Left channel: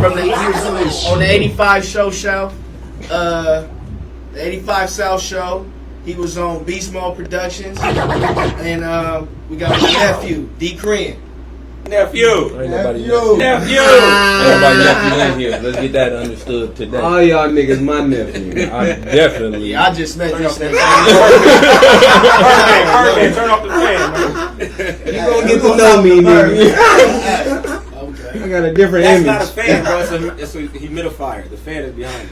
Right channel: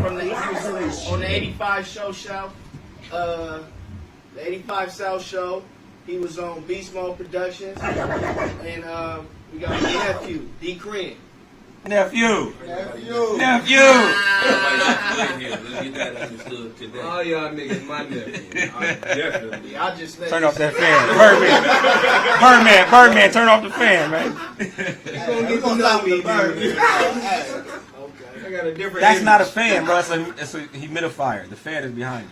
from the he was on the 85 show, the 85 South show. He was on Beast Mode Productions, and we got my nephew, D. Cren. Nephew. Ain't nobody nephew. Ain't nobody nephew in here. Let's get that understood today. All y'all niggas my nephew. I definitely. Yeah, I just met Turn off this that fan. Birdman, turn off the fan, man. You gonna get to know me, nigga. Okay. I got a different That's image. not a fan, bro. It's a humidifier. The fan is behind it.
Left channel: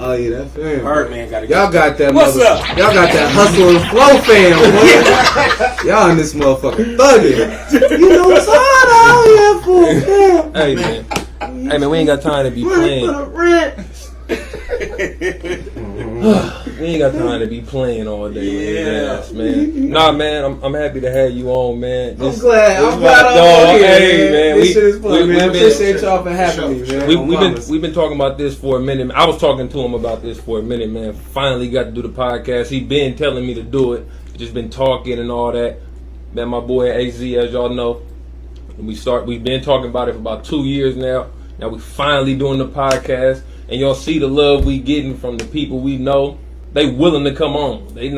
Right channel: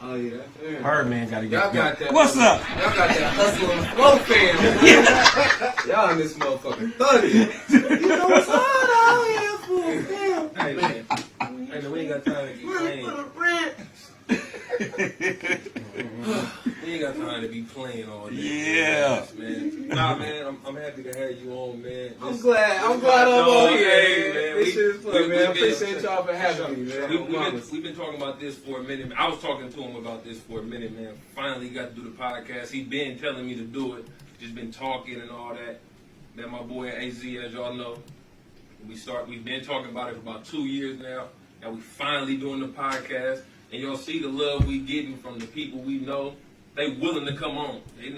Oh yeah, that's fair. Birdman got to Y'all got that. What's up? Y'all got that hustle and flow fan, boy. Y'all in this motherfucker thugging. You know what's hard out here for, man. Hey man, we ain't got time to be playing. For the rent. We ain't got time to be playing all day. Yeah. Man. Nah, man, I'm happy to have you on, man. I'm glad I'm all here, hey, man. This shit is fun, man. I we appreciate y'all for having me, man. we've been talking about this for a minute. I was talking to him about this for a minute, man. Finally got to do the podcast. He been telling me to do it. Just been talking and all that. Man, my boy AZ, as y'all know, we've been talking about it for about 2 years now. Now we finally doing the podcast, and y'all see the love we getting from the people we know. They willing to come on. I ain't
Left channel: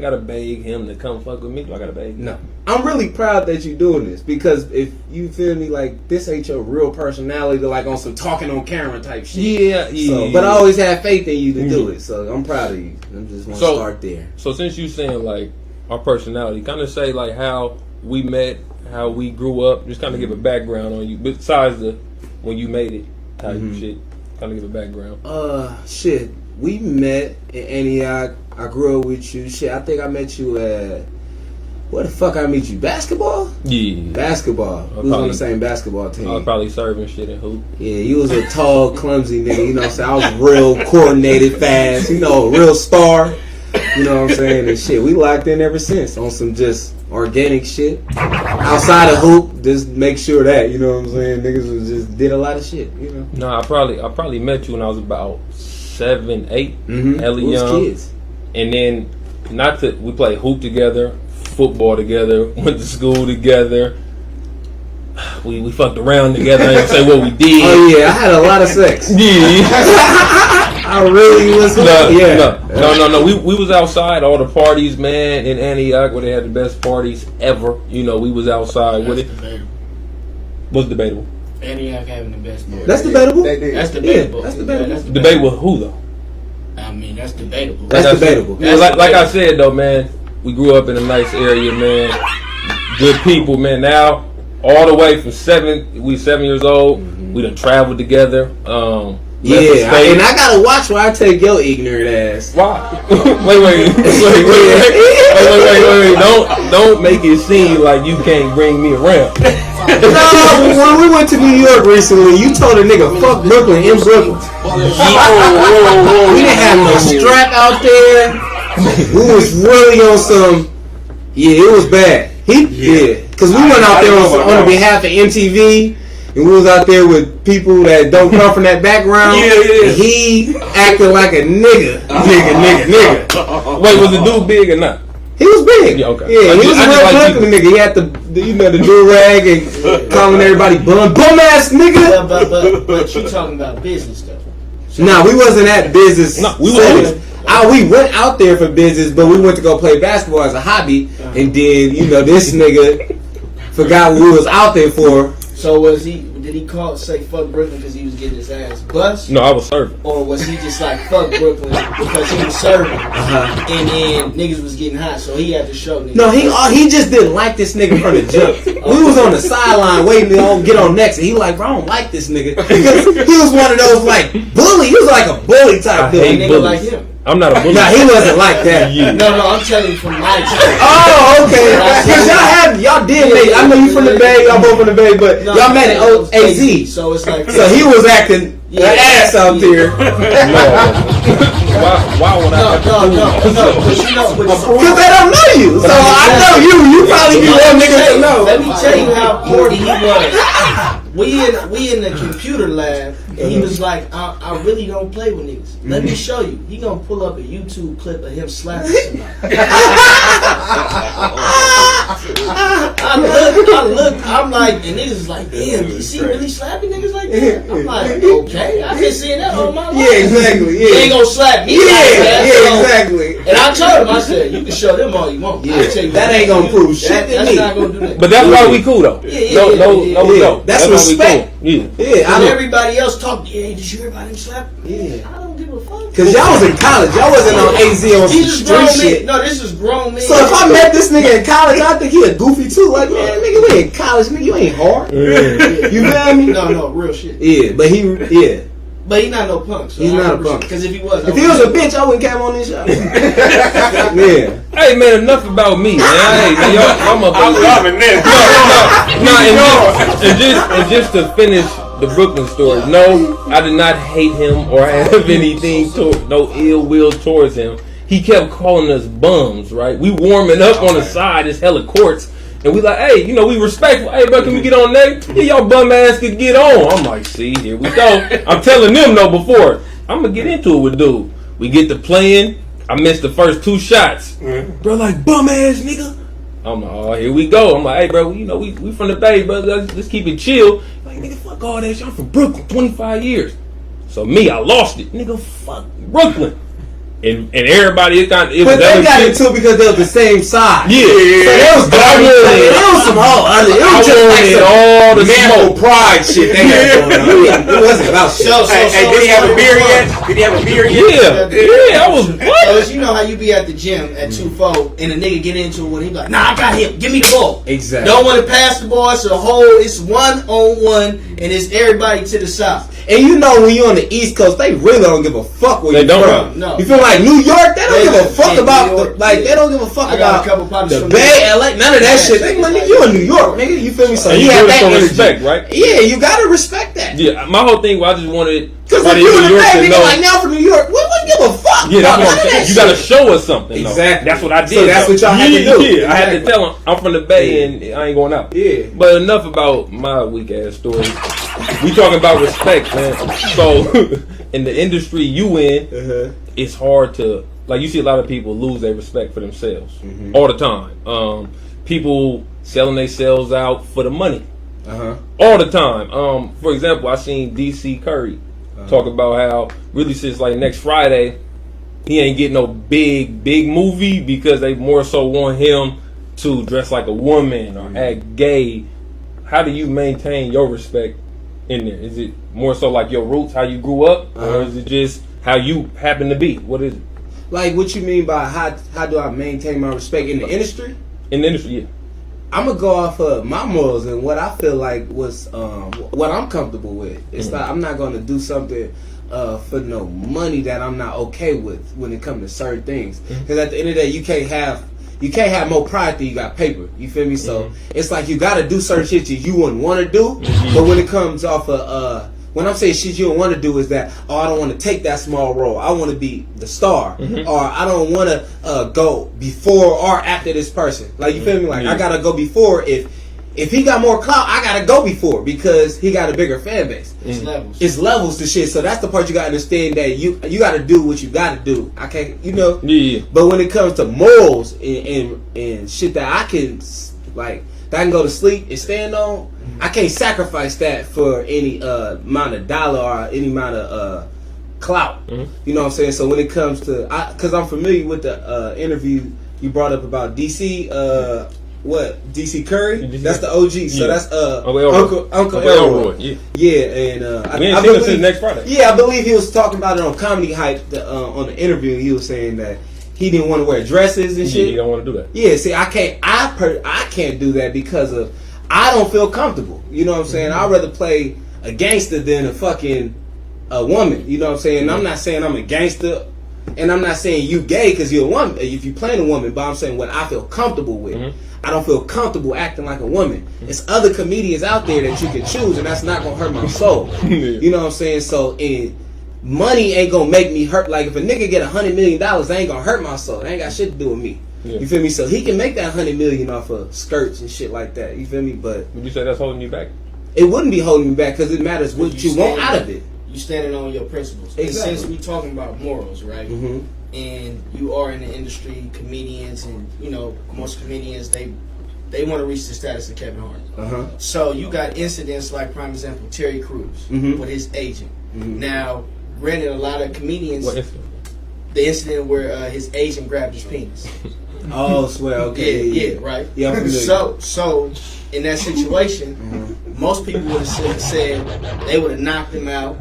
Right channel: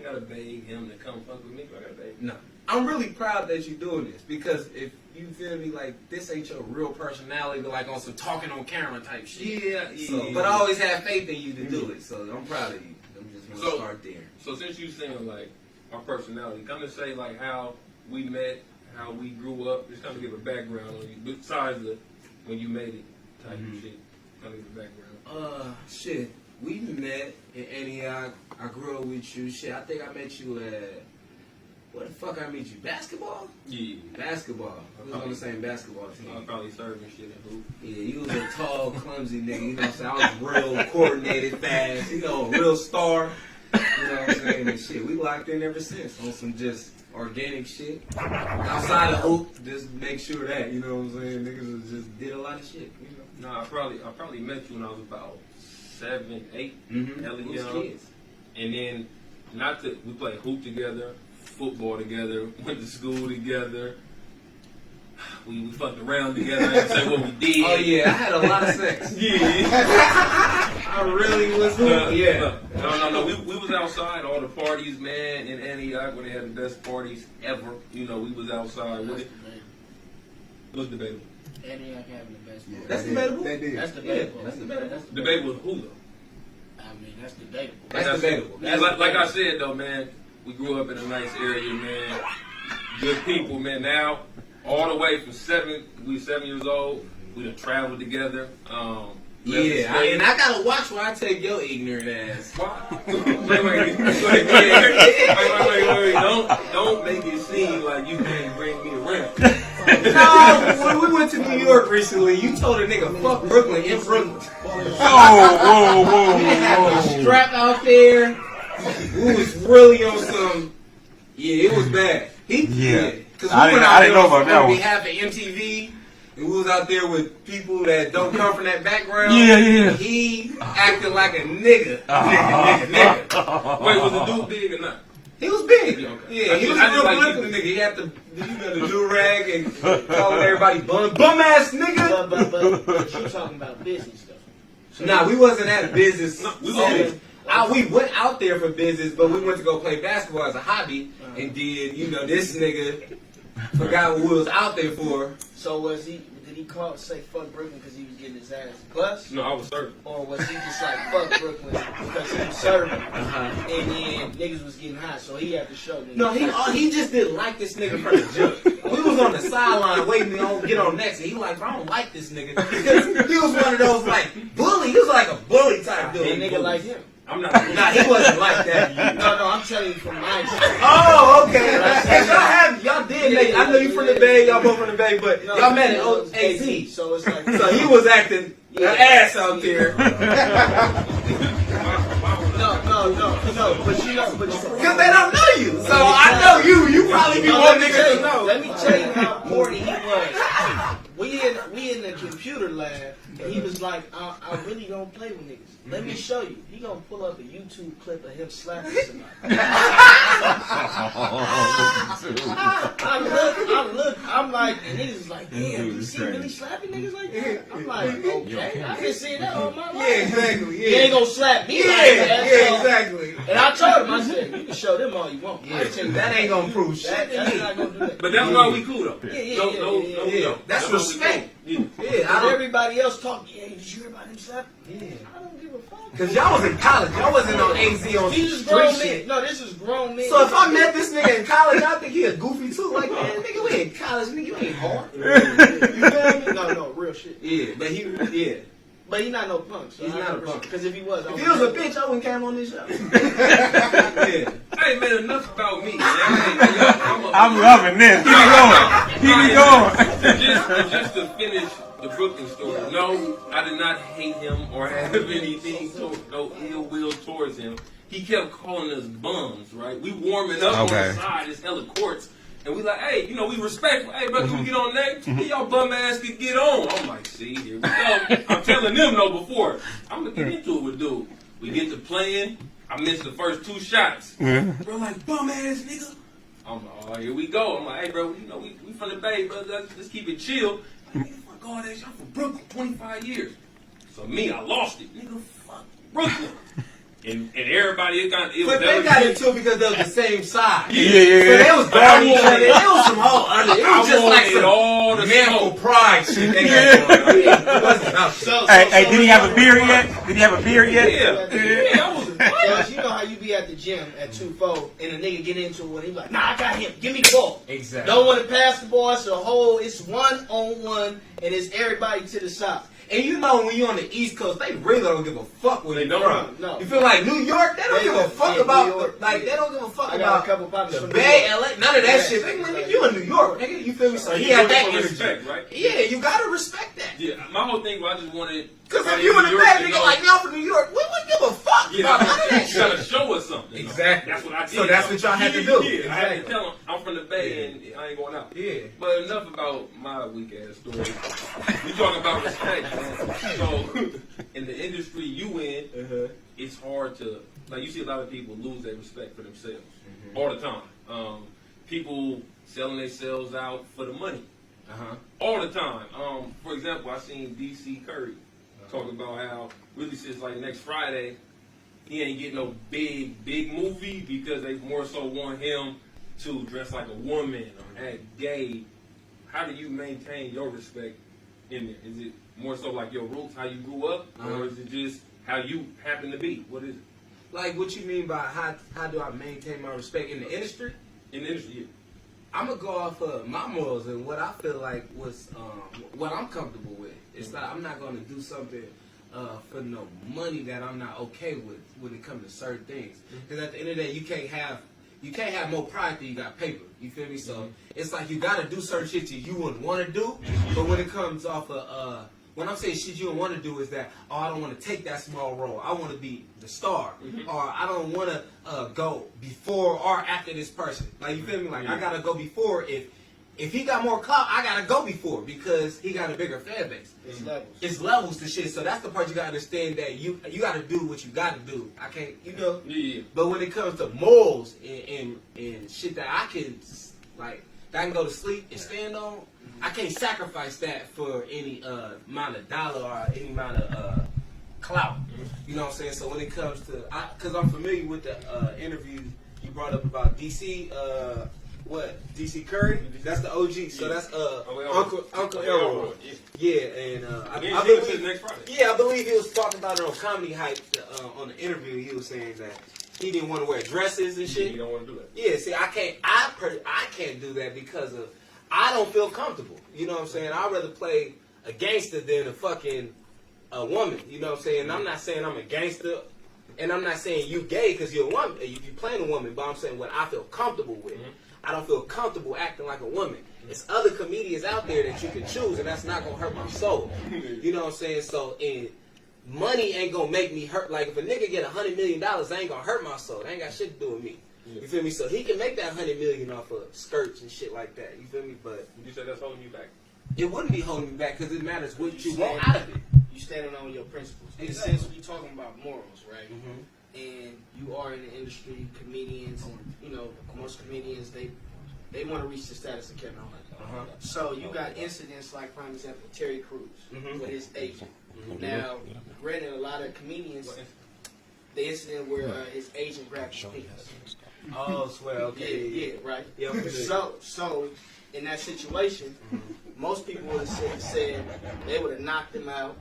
gotta beg him to come fuck with me. Do I gotta beg him? No. I'm really proud that you doing this, because if you feel me, like, this ain't your real personality, like on some talking on camera type shit. Yeah. So, but I always have faith in you to do it, so I'm proud of you. I'm just gonna start there. So since you saying like our personality, kind of say like how we met, how we grew up, just kind of give a background on you. Besides the when you made it type shit, kind of give a background. Shit. We met in Antioch. I grew up with you. Shit, I think I met you at... Where the fuck I meet you? Basketball? Yeah. Basketball. We was on the same basketball team. I was probably serving shit in hoop. Yeah, you was a tall, clumsy nigga. You know what I'm saying? I was real coordinated, fast. You know, a real star. You know what I'm saying? And shit, we locked in ever since on some just organic shit. Outside of hoop, just make sure that, you know what I'm saying? Niggas was just did a lot of shit, you know? No, I probably met you when I was about 7, 8, hella We was young. kids. And then we played hoop together, football together, went to school together. We fucked around together. I didn't say what we did. Oh yeah, I had a lot of sex. Yeah. I really was. No. We was outside all the parties, man, in Antioch, where they had the best parties ever. You know, we was outside with it. Debatable. What's debatable? Antioch having the best. That's debatable. That's debatable. Yeah, that's debatable. Yeah, Debate with who though? I mean, that's debatable. That's debatable. Yeah, like I said though, man, we grew up in a nice area, man. Good people, man. Now, all the way from 7 years old, we done traveled together. Yeah, and I gotta watch where I take your ignorant ass. Why? wait. Don't make it seem like you can't bring me around. No, when we went to New York recently, you told a nigga fuck Brooklyn in Brooklyn. We didn't have no strap out there. We was really on some. Yeah, it was bad. Because we went out there on behalf of MTV. And we was out there with people that don't come from that background. Yeah. And he acted like a nigga. Nigga. Wait, was the dude big or not? He was big. Yeah, okay. Yeah, he was a real political nigga. He had the do-rag and calling everybody bum ass nigga. But you talking about business stuff. Nah, we wasn't at business. No, we settings. We went out there for business, but we went to go play basketball as a hobby. And then, this nigga forgot what we was out there for. So did he say fuck Brooklyn because he was getting his ass bust? No, I was serving. Or was he just like fuck Brooklyn because he was serving and then niggas was getting hot, so he had to show niggas? No, he just didn't like this nigga from the jump. We was on the sideline waiting to get on next, and he like, bro, I don't like this nigga. Because he was one of those like bully. He was like a bully type dude. A nigga like him. I'm not a bully. Nah, he wasn't like that. No, I'm telling you from my experience. Oh, okay. Because y'all did make. I know you from the Bay. Y'all both from the Bay, but y'all met at AZ. So it's like. So he was acting an ass out there. Why would I? No. Because they don't know you. So I know you. You probably be one nigga to know. Let me tell you how corny he was. We in the computer lab, and he was like, I really don't play with niggas. Let me show you. He gonna pull up a YouTube clip of him slapping somebody. I look, I'm like, and niggas is like, damn, is he really slapping niggas like that? I'm like, okay, I've been seeing that all my life. Yeah, exactly. You ain't Yeah, gonna slap me like that. yeah, so- exactly. And I told him, I said, you can show them all you want. Yeah, I tell you that what, ain't gonna prove shit to That's me. not gonna do that. But that's why we cool though. No. That's why we respect. cool. Yeah. Yeah, And everybody else talk, yeah, did you hear about him slap? Yeah. I don't give a fuck. Cause y'all was in college. Y'all wasn't on AZ on some These is grown street men. shit. No, this is grown men. So if I met this nigga in college, I think he a goofy too. Like, man, nigga, we in college, nigga, you ain't hard. You feel me? No, real shit. Yeah, but yeah. But he not no punk. So He's not a punk. Because if he was, If he was a bitch, I wouldn't come on this show. Yeah. Hey man, enough about me, man. Hey, man, y'all motherfuckers. I'm loving this. And just to finish the Brooklyn story, no, I did not hate him or have anything no ill will towards him. He kept calling us bums, right? We warming up on the side, it's hella courts, and we like, hey, we respectful. Hey, bro, can we get on next? Yeah, y'all bum ass could get on. I'm like, see, here we go. I'm telling them no before. I'm gonna get into it with dude. We get to playing. I missed the first 2 shots. Bro, like, bum ass nigga. I'm like, oh, here we go. I'm like, hey, bro, we from the Bay, bro. Let's keep it chill. Like, nigga, fuck all that shit. I'm from Brooklyn, 25 years. So me, I lost it. Nigga, fuck Brooklyn. And everybody, it But they got into it because they was the same side. Yeah. So they was dirty. It was some whole other. It was just like some all the manful smoke. pride shit they had going on. It wasn't about shit. Hey, did he have a beer yet? Did he have a beer yet? Yeah, I was, what? So you know how you be at the gym at 2-4 and a nigga get into it when he like, nah, I got him. Give me the ball. Exactly. Don't want to pass the ball. It's a whole. It's 1-on-1 and it's everybody to the side. And you know when you're on the East Coast, they really don't give a fuck where They you don't. from. No. You feel like New York, they don't They give a don't. fuck Yeah, about New York, they yeah. don't give a fuck I got about a couple partners the from Bay, New LA, none of that Yeah, shit. They it's like, like you in that. New York, nigga. You feel me? So And he you had do it that from energy. respect, right? Yeah, you gotta respect that. Yeah, my whole thing was I just wanted Because if everybody you in in the New York Bay, to nigga, know. like now from New York, we wouldn't give a fuck. Yeah, that's about what I'm none of saying. that You gotta shit. show us something. Though. Exactly. That's what I did. So that's though. what y'all had to Yeah, do. Yeah, I had to Exactly. tell him I'm from the Bay and I ain't going out. Yeah. But enough about my weak ass story. We talking about respect, man. So in the industry you in, it's hard to you see a lot of people lose their respect for themselves all the time. People selling themselves out for the money all the time. For example, I seen DC Curry talk about how really since next Friday he ain't getting no big movie because they more so want him to dress like a woman or act gay. How do you maintain your respect in there? Is it more so like your roots, how you grew up, or is it just how you happen to be? What is it? Like, what you mean by how do I maintain my respect in the industry? In the industry, yeah. I'm gonna go off of my morals and what I feel like was what I'm comfortable with. It's not I'm not gonna do something for no money that I'm not okay with when it comes to certain things. Because at the end of the day, you can't have more pride than you got paper. You feel me? So it's like you gotta do certain shit that you wouldn't want to do. But when it comes off of when I'm saying shit you don't want to do is that, oh, I don't want to take that small role. I want to be the star. Or I don't want to go before or after this person. Like, you feel me? Like, I got to go before. If he got more clout, I got to go before because he got a bigger fan base. It's levels. It's levels to shit. So that's the part you got to understand, that you got to do what you got to do. I can't, Yeah. But when it comes to morals and shit that I can, that I can go to sleep and stand on, I can't sacrifice that for any amount of dollar or any amount of clout. You know what I'm saying? So when it comes to, because I'm familiar with the interview you brought up about DC, DC Curry? DC. That's the OG. So Yeah. that's Uncle Elroy. Elroy. Yeah. Yeah, and We ain't I seen him believe since next Friday. Yeah, I believe he was talking about it on Comedy Hype on the interview. He was saying that he didn't want to wear dresses and Yeah, shit. you don't want to do that. Yeah, see, I can't do that because of I don't feel comfortable. You know what I'm saying? I'd rather play a gangster than a fucking woman. You know what I'm saying? I'm not saying I'm a gangster, and I'm not saying you gay because you're a woman. If you playing a woman, but I'm saying what I feel comfortable with. I don't feel comfortable acting like a woman. It's other comedians out there that you can choose, and that's not gonna hurt my soul. You know what I'm saying? So, money ain't gonna make me hurt. Like, if a nigga get $100 million, that ain't gonna hurt my soul. That ain't got shit to do with me. Yeah. You feel me? So he can make that $100 million off of skirts and shit like that. You feel me? But Would you say that's holding you back? it wouldn't be holding me back because it matters what you want out of it. You standing on your principles. Exactly. And since we talking about morals, right? And you are in the industry, comedians, and most comedians they they want to reach the status of Kevin Hart. So you got incidents like, prime example, Terry Crews with his agent. Now, granted, a lot of comedians, What incident? the incident where his agent grabbed his penis. Oh, swear. Okay. Yeah, right. Yeah, I'm familiar. So in that situation, most people would have said they would have knocked him out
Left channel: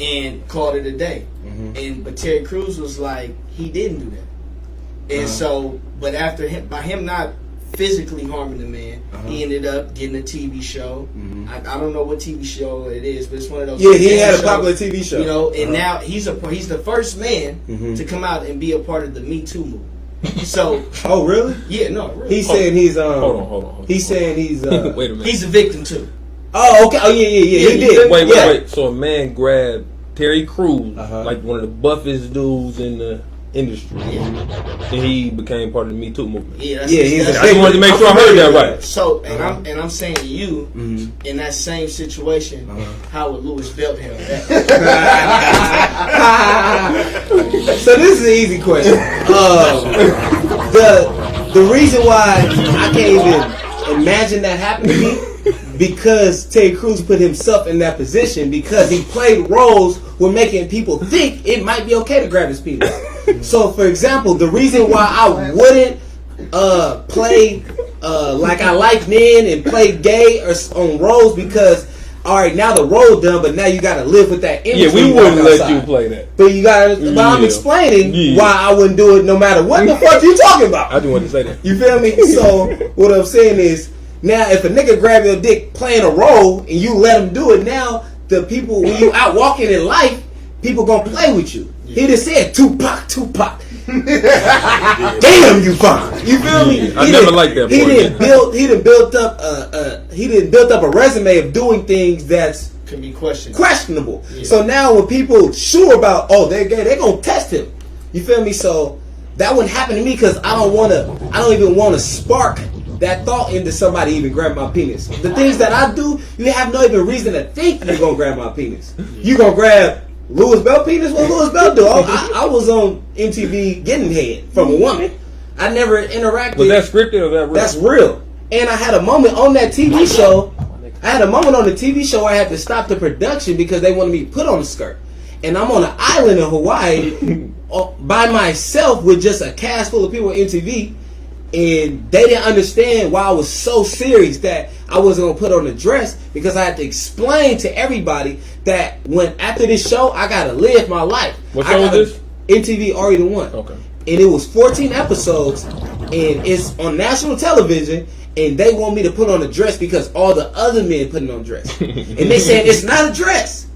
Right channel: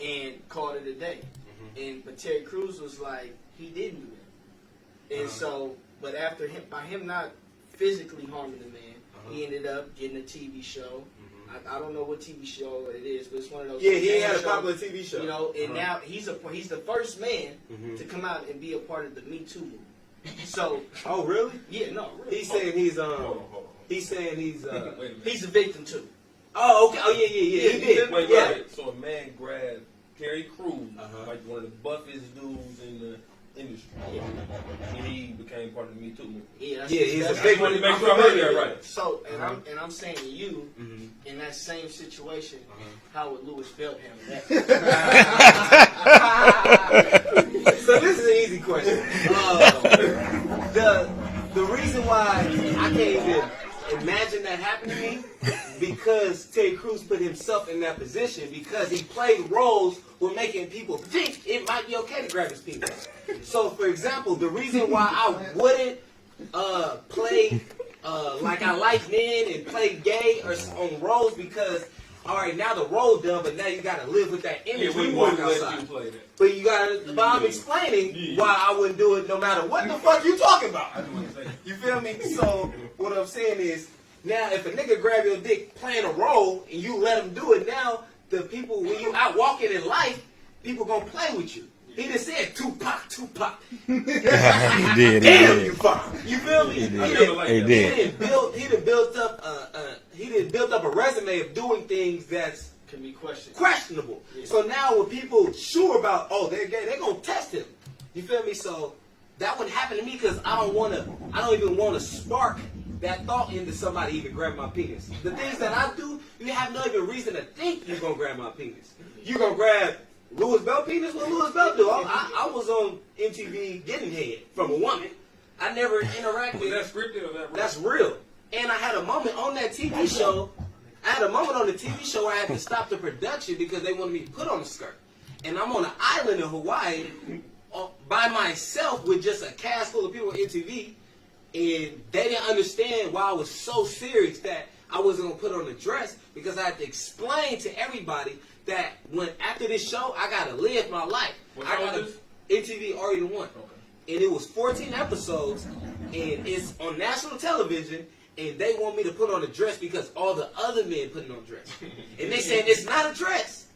and called it a day. But Terry Crews was like, he didn't do that. And so, but after him, by him not physically harming the man, he ended up getting a TV show. I don't know what TV show it is, but it's one of those. Yeah, he TV had a shows, popular TV show. You know, and now he's the first man to come out and be a part of the Me Too movement. So, Oh, really? yeah, no, really. He's saying he's Hold on. He's saying he's Wait a minute. He's a victim too. Oh, okay. Oh, yeah. He did. Wait. Yeah. So a man grabbed Terry Crews, Uh-huh. like one of the buffest dudes in the industry, and he became part of the Me Too movement. Yeah, Yeah, he's that's a I just wanted to make sure I heard that right. So, and I'm saying to you, in that same situation, how would Louis Belt handle that? So this is an easy question. The reason why I can't even imagine that happened to me because Terry Crews put himself in that position because he played roles where making people think it might be okay to grab his penis. So, for example, the reason why I wouldn't play like I like men and play gay or on roles because. All right, now the role done, but now you got to live with that image. Yeah, when we you walk wouldn't let outside. you play that. But you got to. But I'm Yeah. explaining Yeah. why I wouldn't do it no matter what the fuck you talking about. I just wanted to say that. You feel me? So what I'm saying is, now if a nigga grab your dick playing a role and you let him do it, now the people when you out walking in life, people gonna play with you. He just said Tupac. Damn, you fine. You feel me? I never liked that He boy. didn't built up a resume of doing things that's Can be questioned. questionable. So now when people sure about they're gay, they're gonna test him. You feel me? So that wouldn't happen to me because I don't even want to spark that thought into somebody even grab my penis. The things that I do, you have no even reason to think you're gonna grab my penis. You gonna grab Louis Bell penis? What Louis Bell do? I was on MTV getting head from a woman. I never interacted. Was that scripted or that real? That's real. And I had a moment on that TV show. I had a moment on the TV show where I had to stop the production because they wanted me to put on a skirt. And I'm on an island in Hawaii by myself with just a cast full of people at MTV. And they didn't understand why I was so serious that I wasn't going to put on a dress because I had to explain to everybody that when after this show, I got to live my life. What show was this? MTV Ari the One. Okay. And it was 14 episodes, and it's on national television, and they want me to put on a dress because all the other men putting on dress. And they saying it's not a dress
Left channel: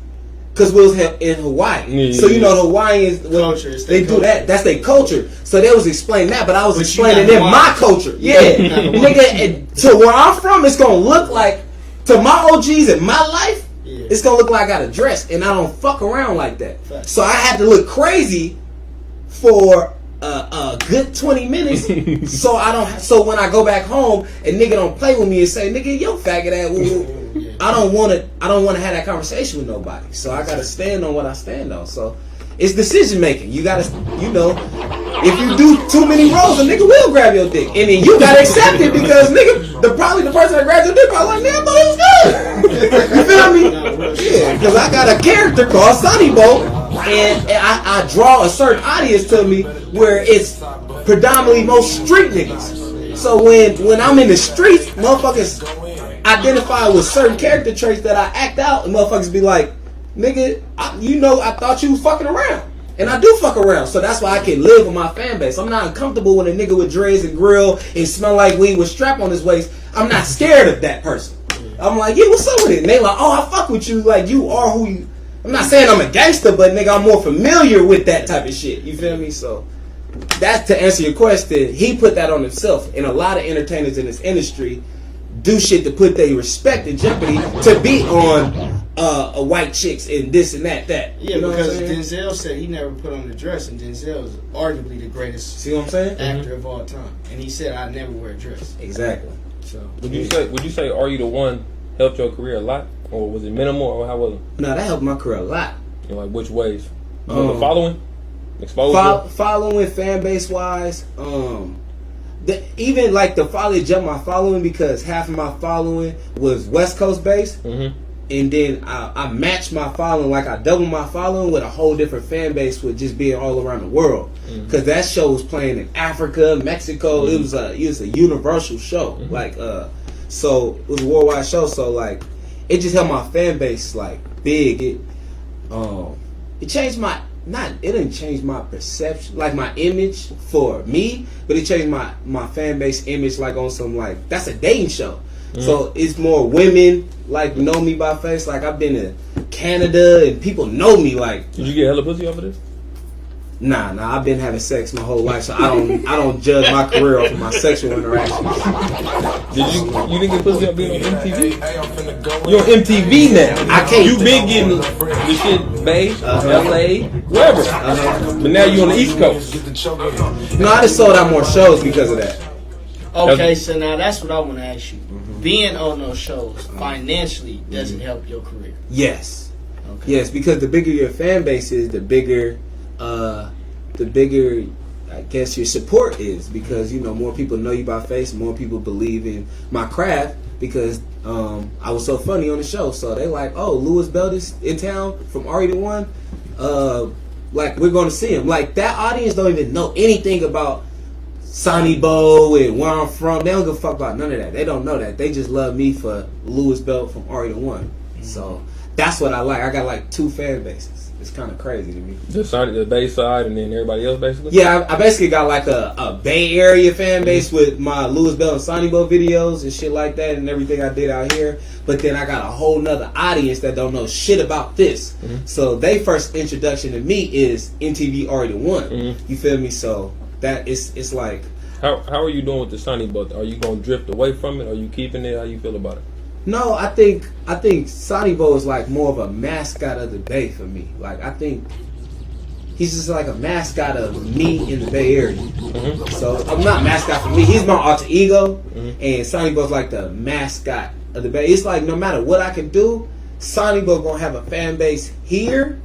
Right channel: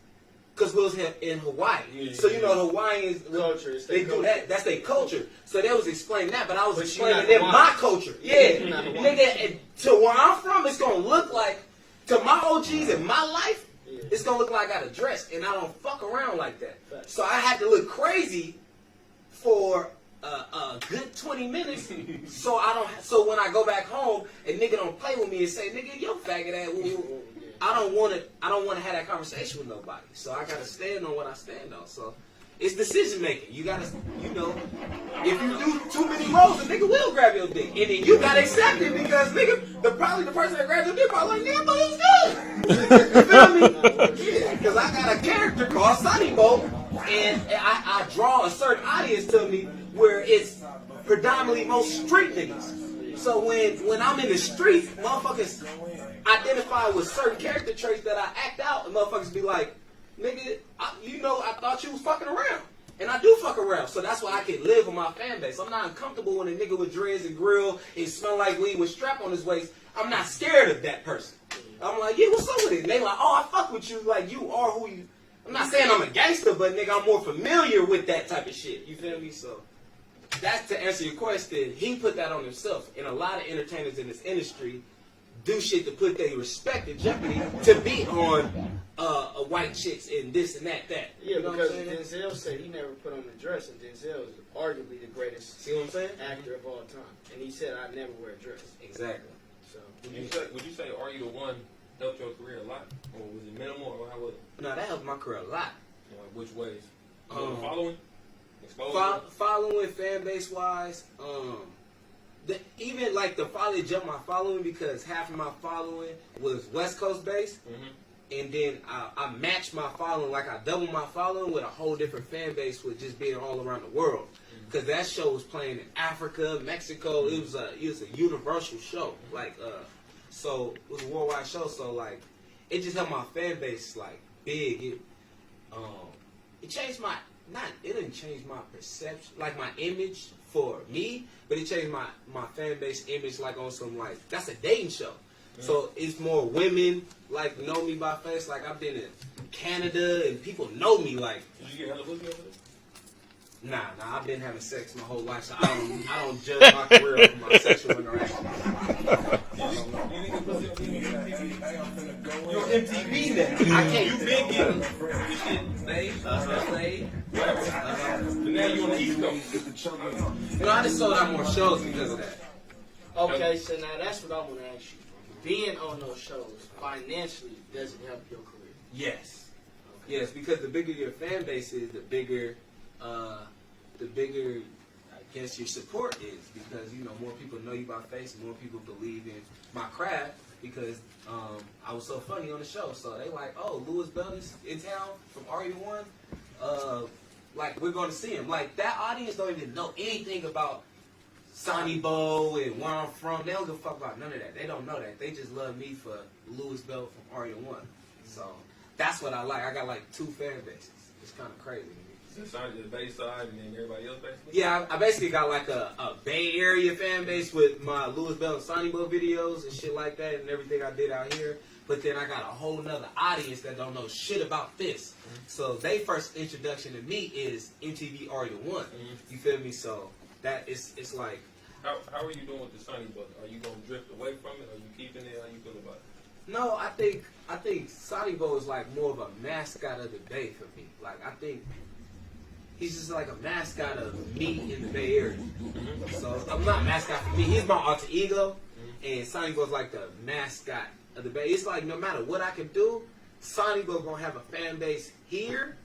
because we was in Hawaii. Yeah, so you know yeah. the Hawaiians, Culture, it's their they do culture. that. That's their culture. So they was explaining that, but I was But you explaining not them my Hawaiian. culture. Yeah, You not Hawaiian. nigga. And to where I'm from, it's gonna look like to my OGs in my life. Yeah. It's gonna look like I got a dress, and I don't fuck around like that. Facts. So I had to look crazy for a good 20 minutes. So I don't. So when I go back home and nigga don't play with me and say, "Nigga, yo faggot ass," Yeah. I don't want to. I don't want to have that conversation with nobody. So I gotta stand on what I stand on. So it's decision making. You gotta, you know, if you do too many roles, a nigga will grab your dick, and then you gotta accept it because nigga, probably the person that grabs your dick probably like, "Man, I thought it was good." You feel me? Yeah, because I got a character called Sonny Bo, and I draw a certain audience to me where it's predominantly most street niggas. So when I'm in the streets, motherfuckers identify with certain character traits that I act out, and motherfuckers be like, "Nigga, I thought you was fucking around." And I do fuck around, so that's why I can live with my fan base. I'm not uncomfortable when a nigga with dreads and grill and smell like weed with strap on his waist. I'm not scared of that person. I'm like, yeah, what's up with it? And they like, oh, I fuck with you. Like, you are who you... I'm not saying I'm a gangster, but nigga, I'm more familiar with that type of shit. You feel me? So, that's to answer your question. He put that on himself. And a lot of entertainers in this industry do shit to put their respect in jeopardy to be on a white chicks and this and that. Yeah, You know what I'm because saying? Denzel said he never put on the dress, and Denzel is arguably the greatest See what I'm saying? actor of all time. And he said, I never wear a dress. Exactly. So, Would you say Are You the One helped your career a lot, or was it minimal, or how was it? No, that helped my career a lot. You know, like which ways? The following, exposure. Following fan base wise, even like the follow jumped my following because half of my following was West Coast based. Mm-hmm. And then I matched my following, like I doubled my following with a whole different fan base with just being all around the world. Because that show was playing in Africa, Mexico. It was a universal show. Like so it was a worldwide show. So like it just helped my fan base like big. It changed my it didn't change my perception, like my image for me, but it changed my fan base image like on some like that's a dating show. So it's more women like know me by face. Like I've been to Canada and people know me. Like Did you get hella pussy over this? nah, I've been having sex my whole life, so I don't judge my career off of my sexual interactions. Did you didn't get pussy up being on MTV? You're on MTV now. I can't. You been getting the shit, Bay, LA, wherever. But now you on the East Coast. No, I just sold out more shows because of that. Okay, so now that's what I want to ask you. Being on those shows financially doesn't help your career. Yes. Okay. Yes, because the bigger your fan base is, the bigger I guess your support is, because you know more people know you by face, more people believe in my craft because I was so funny on the show. So they like, oh, Louis Belt is in town from RE the One. Like we're going to see him. Like that audience don't even know anything about Sonny Bo and where I'm from. They don't give a fuck about none of that. They don't know that. They just love me for Louis Belt from RE the One. So that's what I like. I got like two fan bases. It's kind of crazy to me. The Bay side and then everybody else basically? Yeah, I basically got like a Bay Area fan base with my Louis Bell and Sonny Bo videos and shit like that and everything I did out here. But then I got a whole nother audience that don't know shit about this. So they first introduction to me is MTV RE the One. You feel me? So that it's like... How are you doing with the Sonny Bo? Are you going to drift away from it? Are you keeping it? How you feel about it? No, I think Sonny Bo is like more of a mascot of the Bay for me. Like I think he's just like a mascot of me in the Bay Area. So I'm not mascot for me. He's my alter ego, and Sonny Bo's like the mascot of the Bay. It's like no matter what I can do, Sonny Bo gonna have a fan base here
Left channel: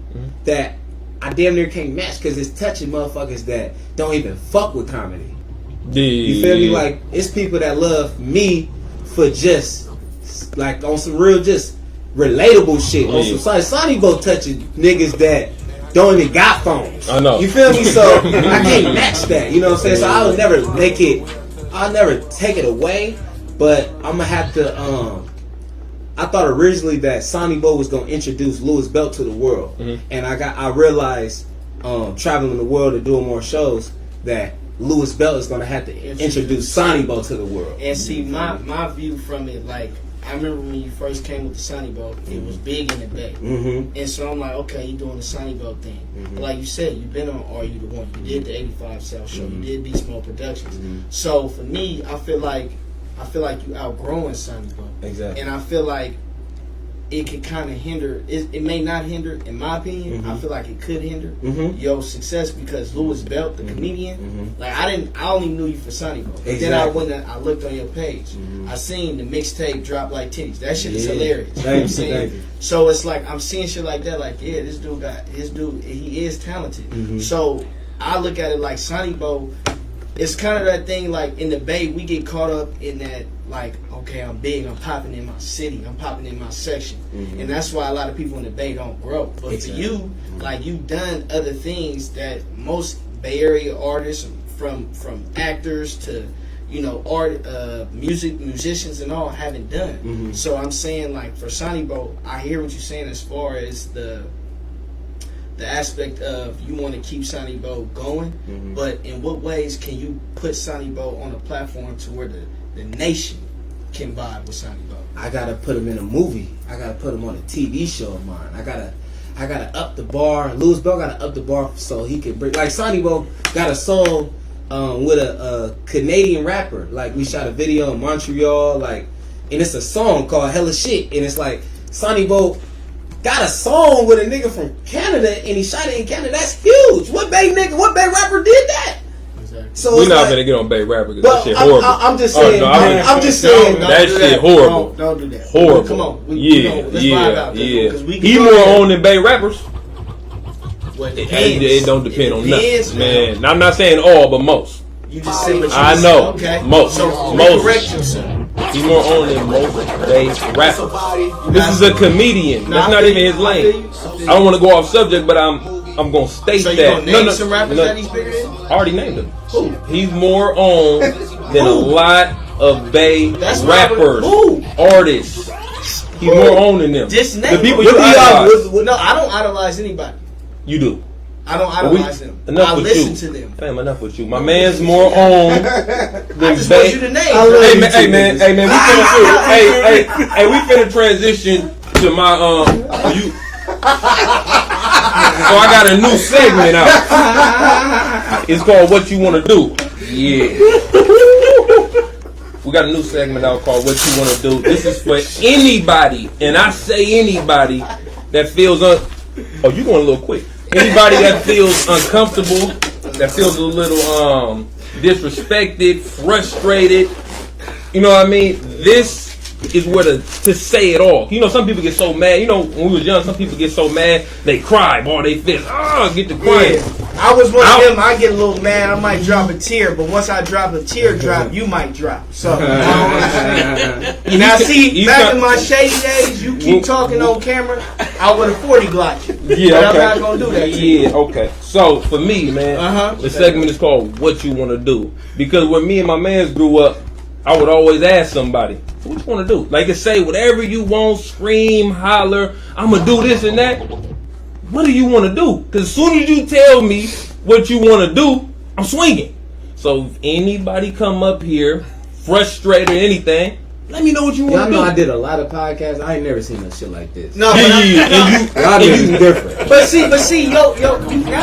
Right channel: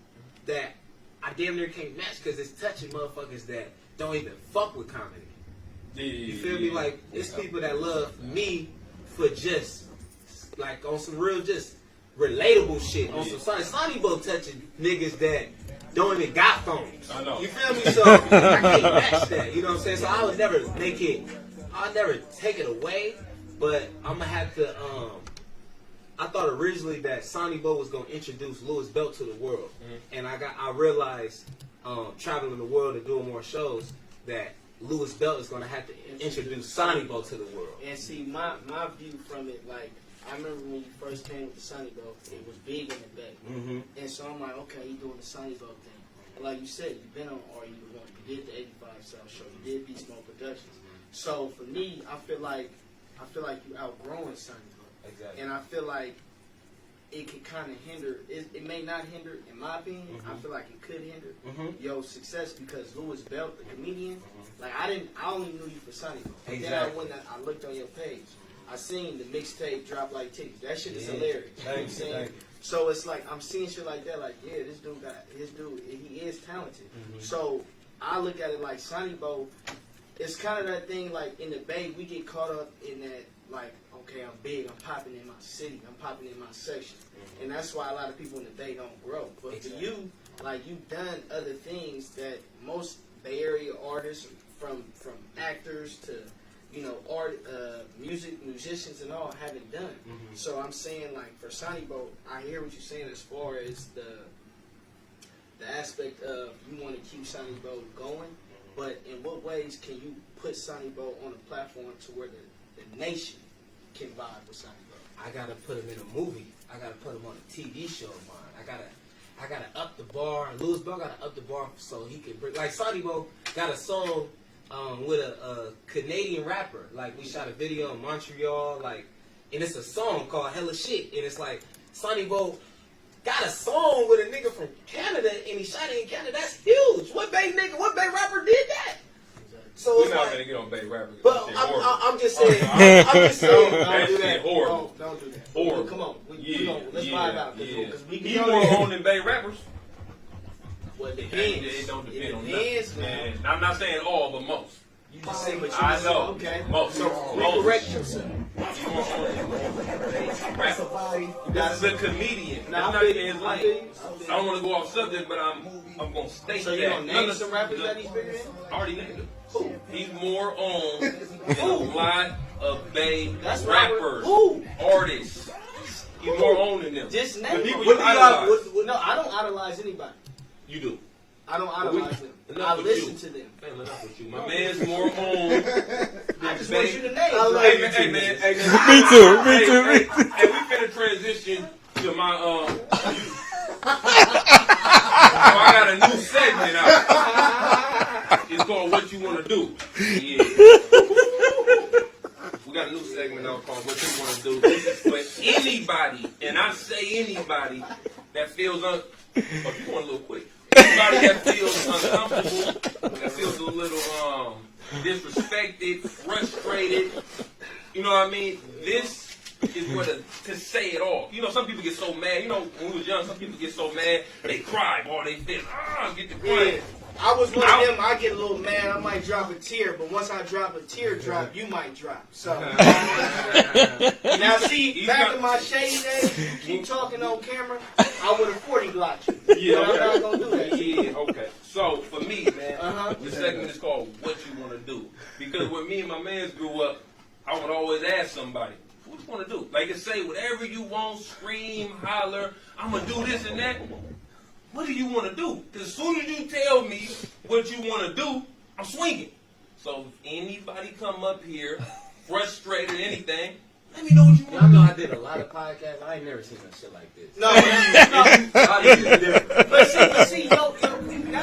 that I damn near can't match because it's touching motherfuckers that don't even fuck with comedy. You feel me? Like it's people that love me for just like on some real just relatable shit. On some Sonny Bo touching niggas that don't even got phones. I know. You feel me? So I can't match that. You know what I'm saying? So I would never make it. I'll never take it away. But I'm gonna have to. I thought originally that Sonny Bo was gonna introduce Louis Belt to the world, and I realized traveling the world and doing more shows that Louis Belt is gonna have to introduce Sonny Bo to the world. And see, my view from it, like I remember when you first came with the Sonny Bo, it was big in the Bay. And so I'm like, okay, you're doing the Sonny Bo thing. But like you said, you've been on Are You the One? You did the 85 South show. You did Beast Mode Productions. So for me, I feel like you outgrowing Sonny Bo. Exactly. And I feel like it could kind of hinder. It may not hinder, in my opinion. I feel like it could hinder your success because Louis Belt, the comedian, like I only knew you for Sonny Bo. Exactly. Then I went and I looked on your page. I seen the mixtape Drop Like Titties. That shit is hilarious. You know what I'm saying? So it's like I'm seeing shit like that. Like this dude he is talented. So I look at it like Sonny Bo. It's kind of that thing like in the Bay we get caught up in that like, okay, I'm big, I'm popping in my city, I'm popping in my section. And that's why a lot of people in the Bay don't grow. But for you, like you've done other things that most Bay Area artists from actors to, you know, musicians and all haven't done. So I'm saying like for Sonny Bo, I hear what you're saying as far as the aspect of you want to keep Sonny Bo going, but in what ways can you put Sonny Bo on a platform to where the nation can vibe with Sonny Bo? I gotta put him in a movie. I gotta put him on a TV show of mine. I gotta up the bar. Louis Bell gotta up the bar so he can bring. Like Sonny Bo got a song with a Canadian rapper. Like we shot a video in Montreal. Like, and it's a song called Hella Shit. And it's like Sonny Bo got a song with a nigga from Canada and he shot it in Canada. That's huge. What Bay rapper did that? Exactly. We're So it's not like, gonna get on Bay rapper because but that shit horrible. I'm just saying. I'm just saying. That shit horrible. Don't do that. Horrible. Come on. Let's vibe out. Cause we can He go more ahead. on than Bay rappers. Well, it It depends. don't depend on It depends, nothing, man. I'm not saying all, but most. You just said what you I just know. said. Okay. Most. So Most. correct yourself. He's more on than most Bay rappers. This is a comedian. That's not even his lane. I don't want to go off subject, but I'm gonna state So you that. gonna name some rappers that he's bigger than? I already named him. He's more on than a lot of Bay That's rappers, who? artists. He's more on than them. Just name The people them. you idolize. No, I don't idolize anybody. You do. I don't But we- idolize them. enough I with listen you. to them. Fam, enough with you. My man's more on than I just want Bay. you to name. I love them. Hey man, we finna hey, we finna transition to my you. So I got a new segment out. It's called What You Wanna Do. Yeah. We got a new segment out called What You Wanna Do. This is for anybody, and I say anybody that feels oh, you going a little quick. Anybody that feels uncomfortable, that feels a little disrespected, frustrated. You know what I mean? This is where to say it all. You know, some people get so mad. You know, when we was young, some people get so mad they cry, boy, they fist. Get the crying. Yeah. I was one of them. I get a little mad. I might drop a tear, but once I drop a teardrop, you might drop. So now, see, back in my shady days, you keep talking on camera, I would have 40 Glock you. Yeah, But okay. I'm not gonna do that. To you. Yeah, okay. So for me, man, the segment is called "What You Want to Do" because when me and my mans grew up, I would always ask somebody, "What you want to do?" Like to say whatever you want, scream, holler. I'm gonna do this and that. What do you want to do? Because as soon as you tell me what you want to do, I'm swinging. So if anybody come up here frustrated or anything, let me know what you Y'all want know to I did a lot of podcasts. I ain't never seen no shit like this. No, do. but Y'all niggas different. But see, yo, now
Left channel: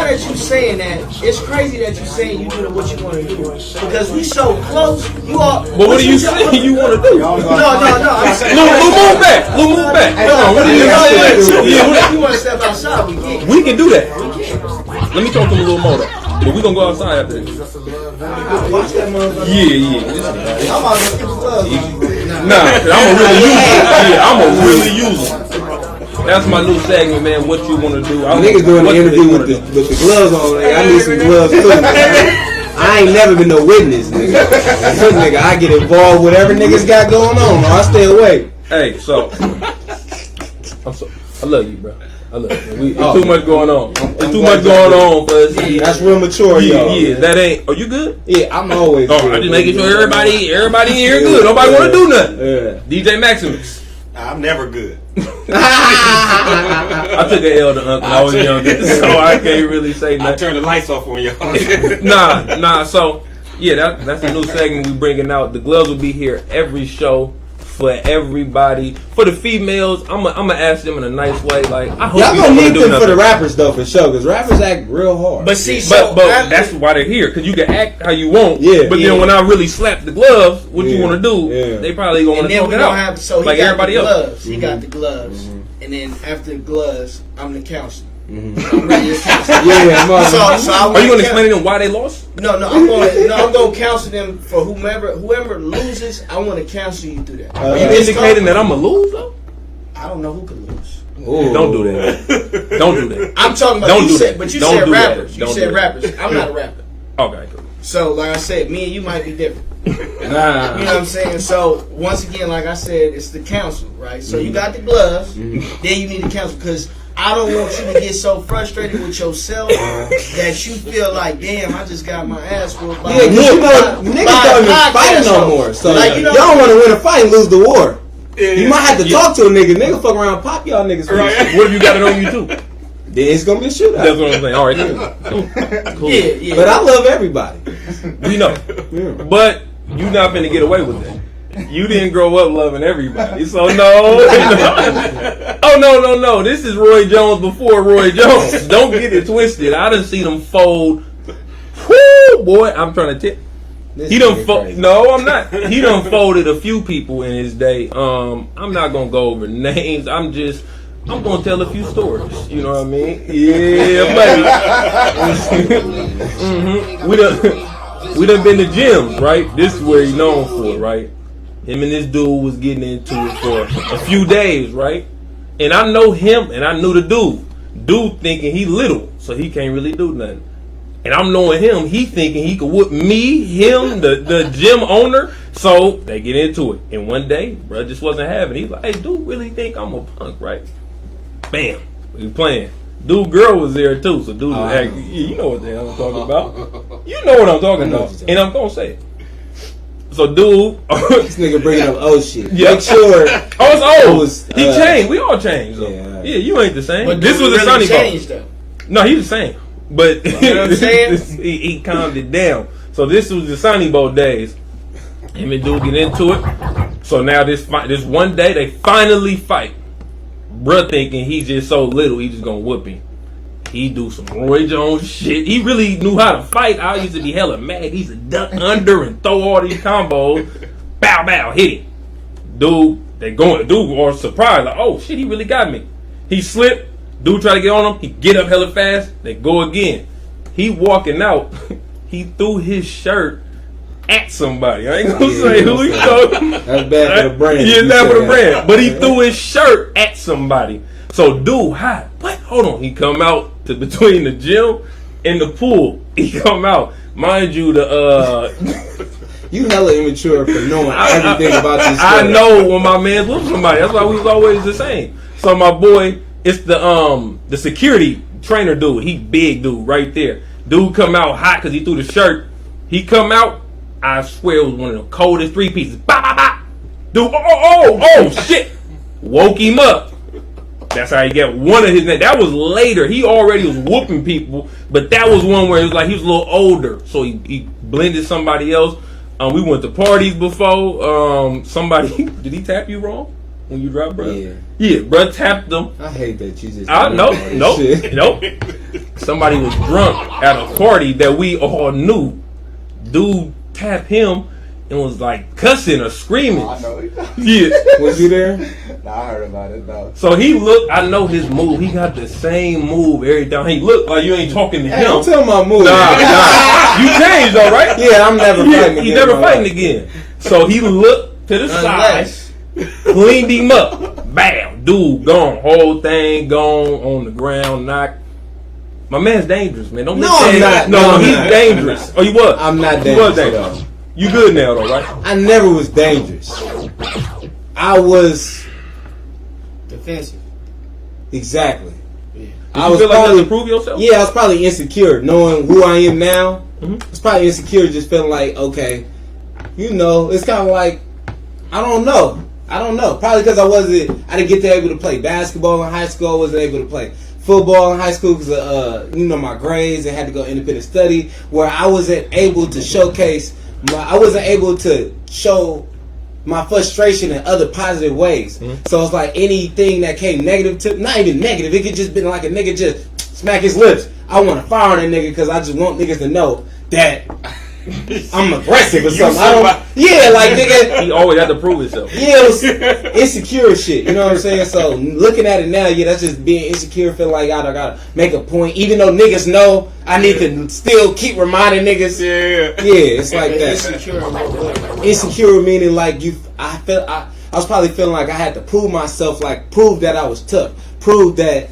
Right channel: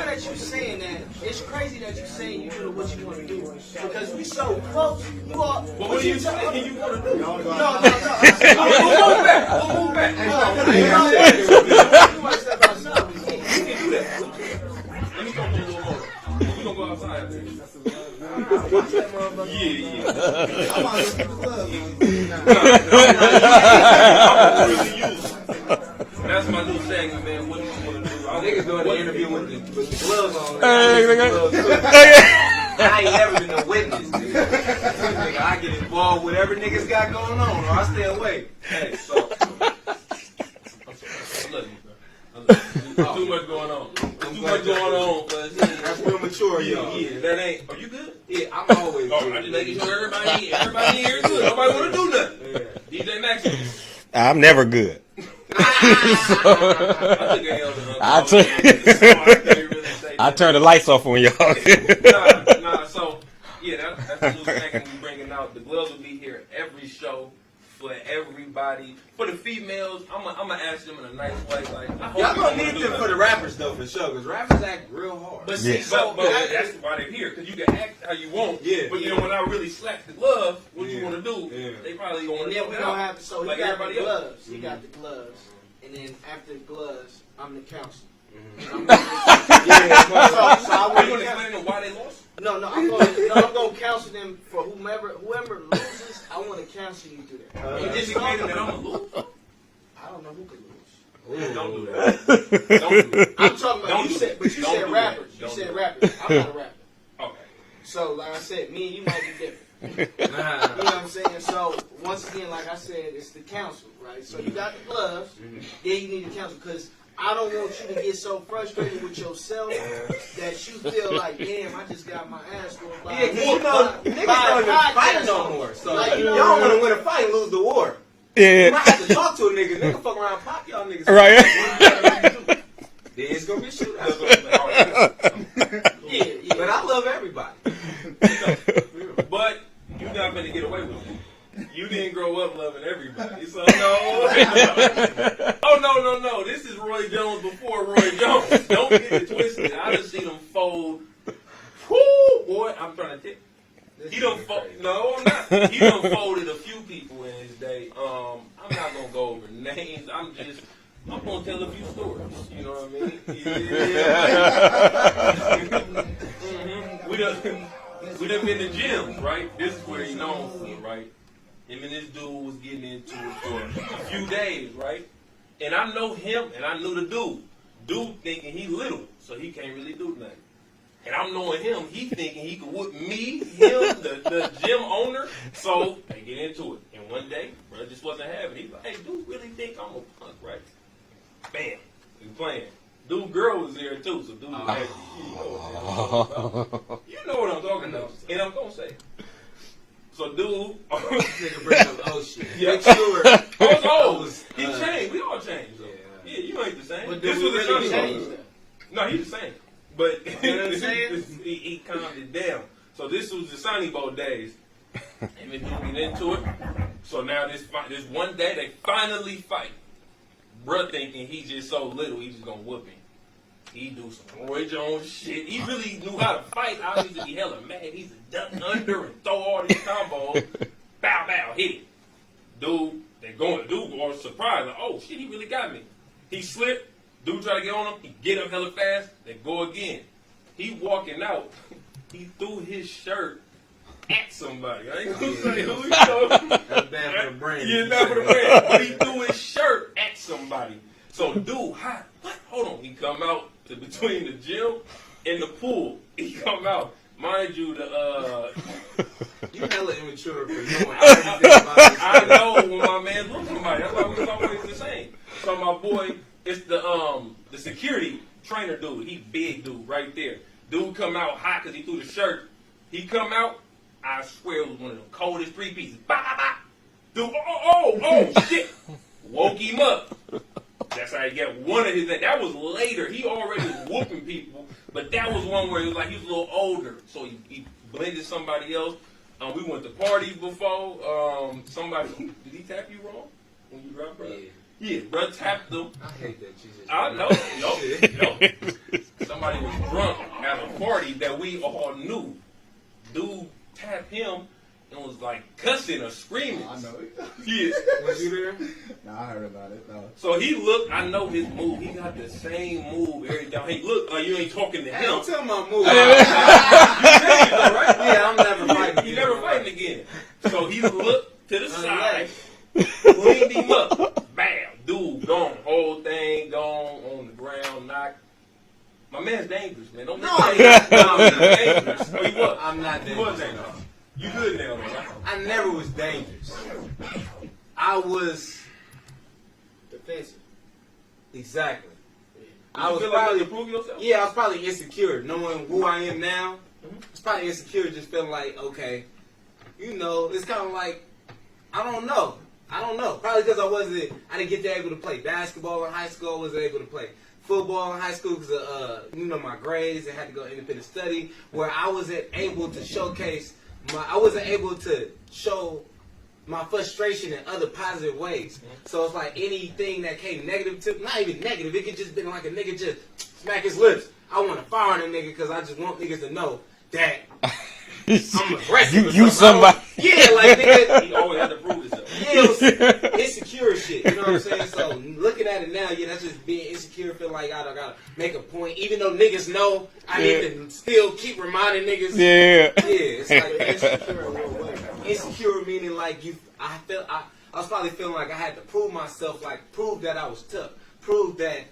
that you saying that, it's crazy that you saying you do what you want to do because we so close. You are. But what are you saying you want to do? No. I'm saying. Lou, move back. Hold on. What are you saying? If you want to step outside, we can. We can do that. Let me talk to him a little more though. But we gonna go outside after this. Watch that motherfucker. Yeah. I'm out of the Nah, I'm a really user. That's my new segment, man. What you wanna do? Niggas doing the interview with the gloves on. Like, I need some gloves too. I ain't never been no witness, nigga. Good nigga, I get involved with whatever niggas got going on. Or I stay away. Hey, so I love you, bro. I love you. There's too much going on. There's too much going on for us. That's real mature, y'all. Yeah, that ain't. Are you good? Yeah, I'm always. Oh, I'm just making sure everybody here good. Nobody wanna do nothing. Yeah. DJ Maximus. I'm never good. I took an L to Uncle. I was younger, so I can't really say I nothing. turned the lights off on y'all. Nah. So yeah, that's the new segment we bringing out. The gloves will be here every show for everybody. For the females, I'm gonna ask them in a nice way. Like I hope Y'all you gonna don't need do them for nothing. the rappers though, for sure, because rappers act real hard. But see, But after- that's why they're here, because you can act how you want. Yeah, But yeah. then when I really slap the gloves, what you Yeah, want to do? yeah. They probably gonna and want to then talk we it gonna out. have he like got everybody the else. gloves. He got the gloves, and then after the gloves, I'm the counselor. Mhm. I'm really the counselor. Yeah, So I Are you gonna counsel- explain to them why they lost? No, I'm gonna counsel them for whoever loses. I want to counsel you through that. Are you It's indicating that I'm a loser? I don't know who could lose. Ooh. Don't do that. Don't do that. I'm talking about Don't you do said, that. but you Don't said do that. rappers. You Don't said do that. rappers. I'm not a rapper. Okay, cool. So like I said, me and you might be different. You know Nah. what I'm saying? So once again, like I said, it's the counsel, right? So you got the gloves, then you need the counsel because I don't want you to get so frustrated with yourself that you feel like, damn, I just got my ass whooped by Yeah, because you know, niggas don't even fight no more. So Like, you know- y'all want to win a fight and lose the war. Yeah. You might have to talk to a nigga. Nigga fuck around and pop y'all niggas. Right. What if you got it on you too? Then it's gonna be a That's shootout. what I'm saying. All right, cool. Cool. Yeah. But I love everybody. You know, Yeah. but you not finna get away with that. You didn't grow up loving everybody, so no. Oh no. This is Roy Jones before Roy Jones. Don't get it twisted. I done seen him fold. Whoo, boy, I'm trying to tip. This He done nigga crazy. No, I'm not. He done folded a few people in his day. I'm not gonna go over names. I'm gonna tell a few stories. You know what I mean? Yeah, buddy. We done been to gyms, right? This is where he's known for, right? Him and this dude was getting into it for a few days, right? And I know him, and I knew the dude. Dude thinking he little, so he can't really do nothing. And I'm knowing him, he thinking he could whoop me, him, the gym owner. So they get into it. And one day, bro just wasn't having it. He's like, hey, dude really think I'm a punk, right? Bam. We playing. Dude girl was there too. So dude was acting, you know what the hell I'm talking about. You know what I'm talking about. And I'm gonna say it. So dude This nigga bringing up old shit. Yeah. Make sure. I was old. He uh, changed. We all changed though. Yeah. Yeah, you ain't the same. But This was dude a sunny really ball. changed, though. No, he was the same. But You know what I'm saying? he calmed it down. So this was the Sunny Bowl days. Him and dude get into it. So now this one day they finally fight. Bruh thinking he's just so little, he just gonna whoop him. He do some Roy Jones shit. He really knew how to fight. I used to be hella mad. He used to duck under and throw all these combos. Bow, bow, hit it. Dude, they going. Dude was surprised. Like, oh shit, he really got me. He slipped. Dude try to get on him. He get up hella fast. They go again. He walking out. He threw his shirt at somebody. I ain't gonna say who he talking. That's bad for the brand. Yeah, You bad for said the that. brand. But he threw his shirt at somebody. So dude, hi. What? Hold on. He come out to between the gym and the pool. He come out. Mind you, You hella immature for knowing everything about this I stuff. know when my man's with somebody. That's why we was always the same. So my boy, it's the security trainer dude. He big dude right there. Dude come out hot because he threw the shirt. He come out. I swear it was one of the coldest 3 pieces. Bah, bah, bah. Dude, oh shit. Woke him up. That's how he got one of his names. That was later. He already was whooping people, but that was one where it was like he was a little older, so he blended somebody else. We went to parties before. Somebody did he tap you wrong when you dropped, bro? Yeah, bro tapped them. I hate that you just. I know, Shit. nope. Somebody was drunk at a party that we all knew. Dude tapped him and was like cussing or screaming. I know. Yeah. Was you there? Nah, I heard about it though. So he looked. I know his move. He got the same move every time. He looked like you ain't talking to Hey, him. don't tell my move. Nah. You changed though, right? Yeah, I'm never fighting again. He's never bro. fighting again. So he looked to the side, Unless cleaned him up. Bam, dude gone. Whole thing gone on the ground, knocked. My man's dangerous, man. Don't No, say I'm that. not. No, No, he's I'm not. dangerous. Oh, you was? I'm not You was dangerous, dangerous. You good now, though, right? I never was dangerous. I was defensive. exactly. Did I you was feel like you had probably to prove yourself? yeah. I was probably insecure, knowing who I am now. Mhm. I was probably insecure, just feeling like okay, you know, it's kind of like I don't know. Probably because I didn't get to able to play basketball in high school. I wasn't able to play football in high school because of my grades and had to go independent study. Where I wasn't able to showcase I wasn't able to show my frustration in other positive ways. So it's like anything that came negative to, not even negative, it could just been like a nigga just smack his lips. I want to fire on a nigga because I just want niggas to know that I'm aggressive or You something. I don't, yeah, like nigga. He always had to prove himself. Yeah, it was insecure shit. You know what I'm saying? So looking at it now, yeah, that's just being insecure. Feel like I gotta make a point, even though niggas know I need to still keep reminding niggas. Yeah. Yeah, it's like that. Insecure in what way? Insecure meaning like I was probably feeling like I had to prove myself, like prove that I was tough, prove that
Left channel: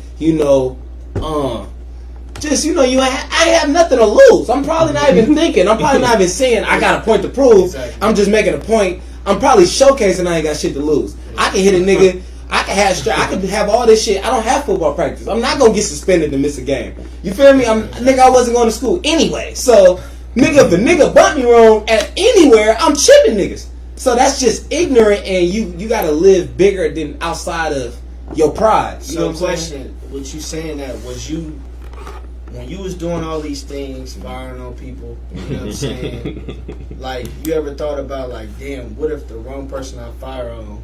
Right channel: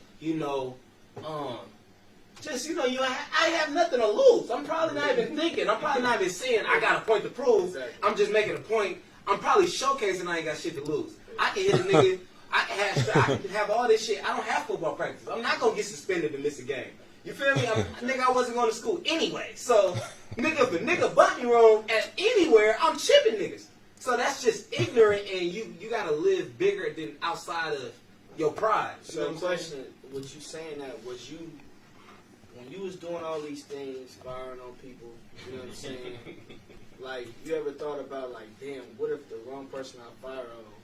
just I have nothing to lose. I'm probably not even thinking. I'm probably not even saying I got a point to prove. Exactly. I'm just making a point. I'm probably showcasing I ain't got shit to lose. I can hit a nigga. I can have all this shit. I don't have football practice. I'm not gonna get suspended to miss a game. You feel me? Nigga, I wasn't going to school anyway. So nigga, if a nigga bumped me wrong at anywhere, I'm chipping niggas. So that's just ignorant, and you gotta live bigger than outside of your pride. You know So what I'm saying? question, what you saying that was you, when you was doing all these things, firing on people, you know what I'm saying? Like, you ever thought about like, damn, what if the wrong person I fire on,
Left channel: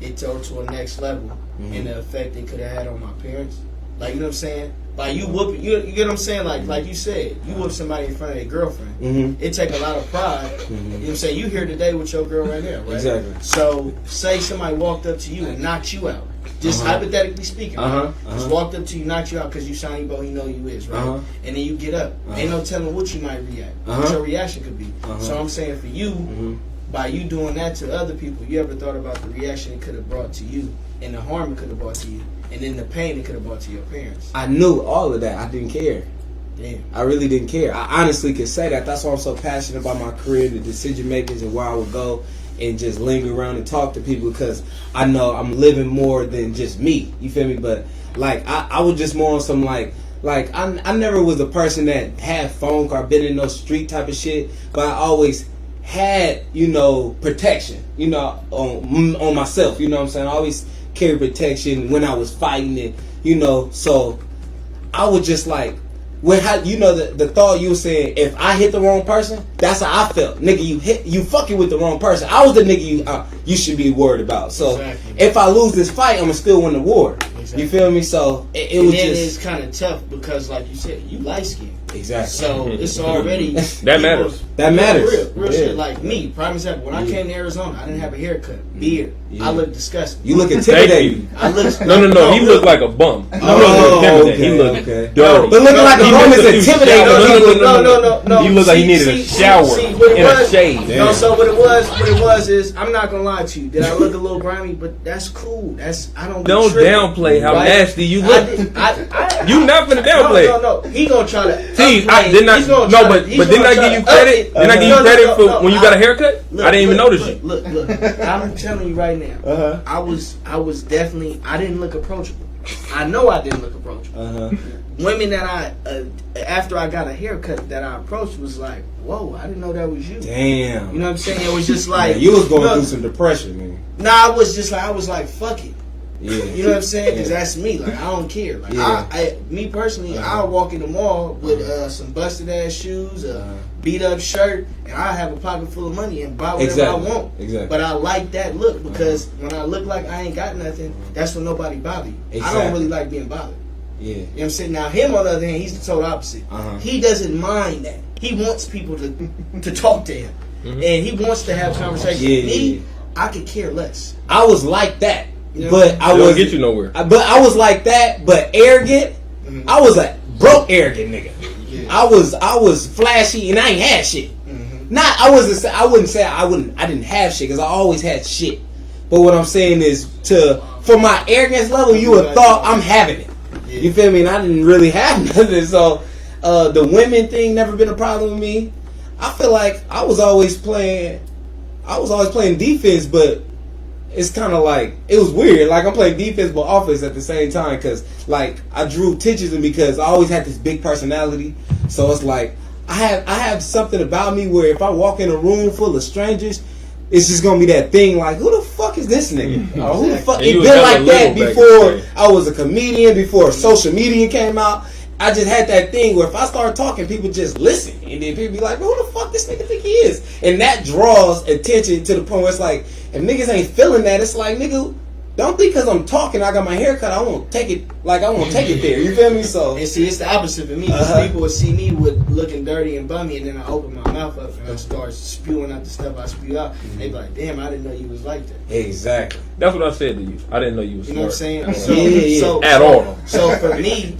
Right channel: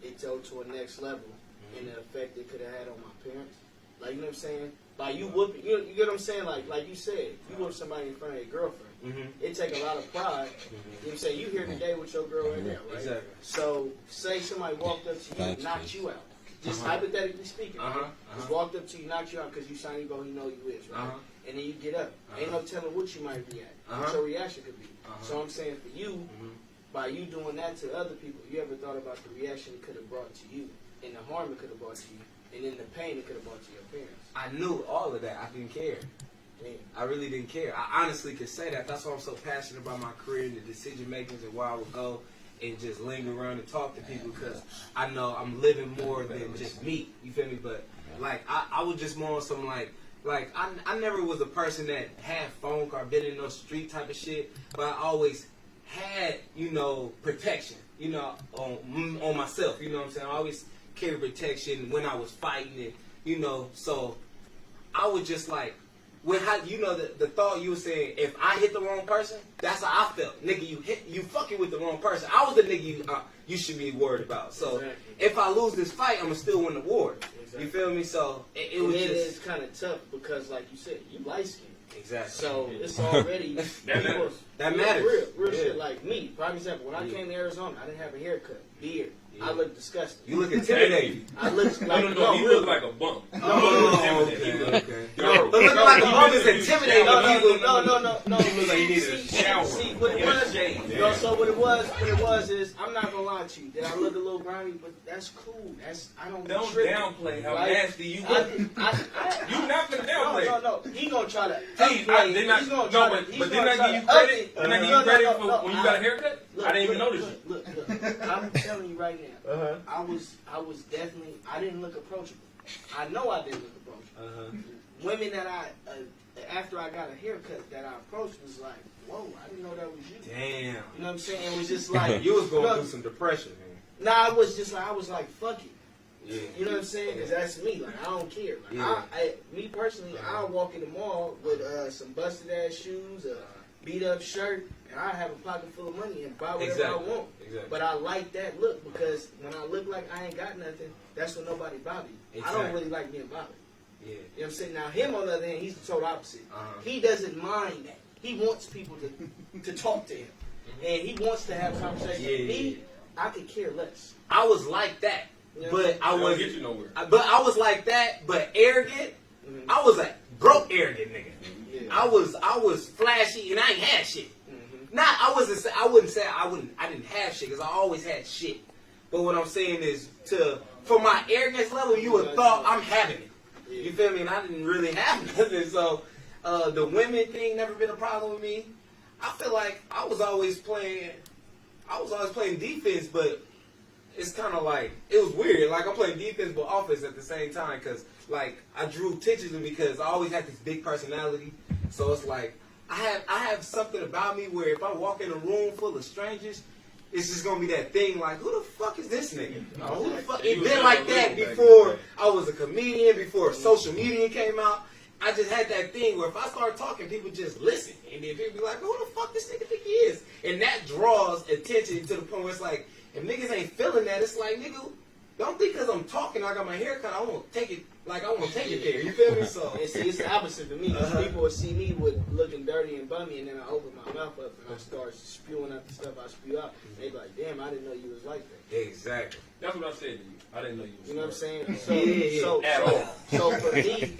it took to a next level, and the effect it could have had on my parents? Like, you know what I'm saying? Like, you whoop, you get what I'm saying? Like you said, you whoop somebody in front of your girlfriend. It take a lot of pride. You know what I'm saying? You here today with your girl right now, right? Exactly. So, say somebody walked up to you and knocked you out. Just hypothetically speaking, right? Just walked up to you, knocked you out because you Sonny Bo, he know you is, right? And then you get up. Ain't no telling what you might react, what your reaction could be. So I'm saying for you, by you doing that to other people, you ever thought about the reaction it could have brought to you and the harm it could have brought to you and then the pain it could have brought to your parents? I knew all of that. I didn't care. Damn. I really didn't care. I honestly could say that. That's why I'm so passionate about my career, the decision makings, and where I would go and just linger around and talk to people, because I know I'm living more than just me. You feel me? But like I was just more on some like I never was a person that had phone call, been in no street type of shit, but I always had, you know, protection, you know, on myself. You know what I'm saying? I always carry protection when I was fighting it, you know. So I was just like, you know, the thought you were saying, if I hit the wrong person, that's how I felt. Nigga, you fucking with the wrong person. I was the nigga you should be worried about. So Exactly. if I lose this fight, I'ma still win the war. Exactly. You feel me? So it And was then just it's kind of tough because, like you said, you light skinned. exactly. So it's already That matters. That matters. Real Yeah. shit. Like me, prime example. When I came to Arizona, I didn't have a haircut, beard. Yeah. I looked disgusting. You look Thank intimidating. you. I looked No. He real. looked like a bum. He Oh, looked okay, He looked okay. dirty. But looking like a He bum is looked too intimidating. shallow. No. He looked like he needed a shower what it and a was, shave. No, so what it was is, I'm not gonna lie to you. Did I look a little grimy? But that's cool. I don't. be Don't tripping, downplay how right? nasty you I look. did- I- You not finna downplay. No. He gonna try to. See, upgrade. didn't I? He's gonna No, try but to- he's didn't gonna I try give you to credit? up it. Didn't I give you credit for No, when you got a haircut? Look, I didn't even look, notice you. Look. I'm telling you right now. Uh-huh. I was definitely. I didn't look approachable. I know I didn't look approachable. Uh-huh. Women that after I got a haircut that I approached was like, whoa, I didn't know that was you. Damn. You know what I'm saying? It was just like Yeah, you was going look, through some depression, man. Nah, I was like, fuck it. Yeah. You know what I'm saying? Because Yeah. that's me. Like, I don't care. Like, Yeah. me personally, I'll walk in the mall with some busted ass shoes, a beat up shirt, and I have a pocket full of money and buy whatever I want. Exactly. But I like that look because when I look like I ain't got nothing, that's when nobody bother you. I Exactly. don't really like being bothered. Yeah. You know what I'm saying? Now him on the other hand, he's the total opposite. Uh-huh. He doesn't mind that. He wants people to talk to him. And he wants to have conversations. Yeah, Me, yeah. I could care less. I was like that, You know, but I It don't was get you nowhere. But I was like that, but arrogant. Mhm. I was a broke arrogant nigga. Yeah. I was flashy and I ain't had shit. Mhm. I didn't have shit because I always had shit. But what I'm saying is, for my arrogance level, you would thought I'm having it. Yeah. You feel me? And I didn't really have nothing. So the women thing never been a problem with me. I feel like I was always playing defense, but it's kind of like, it was weird. Like, I'm playing defense but offense at the same time because, like, I drew attention because I always had this big personality. So it's like I have something about me where if I walk in a room full of strangers, it's just gonna be that thing like, who the fuck is this nigga? Or who the fuck? And you It was been hella like that little back before then. I was a comedian, before social media came out. I just had that thing where if I start talking, people just listen, and then people be like, "Who the fuck this nigga think he is?" And that draws attention to the point where it's like, if niggas ain't feeling that, it's like, nigga, don't think because I'm talking, I got my hair cut, I won't take it there. You feel me? So And see, it's the opposite for me. 'Cause Uh-huh. people would see me with looking dirty and bummy, and then I open my mouth up and I start spewing out the stuff I spew out. They be like, "Damn, I didn't know you was like that." exactly. That's what I said to you. I didn't know you was You know what I'm smart. saying? So, At all. So for me,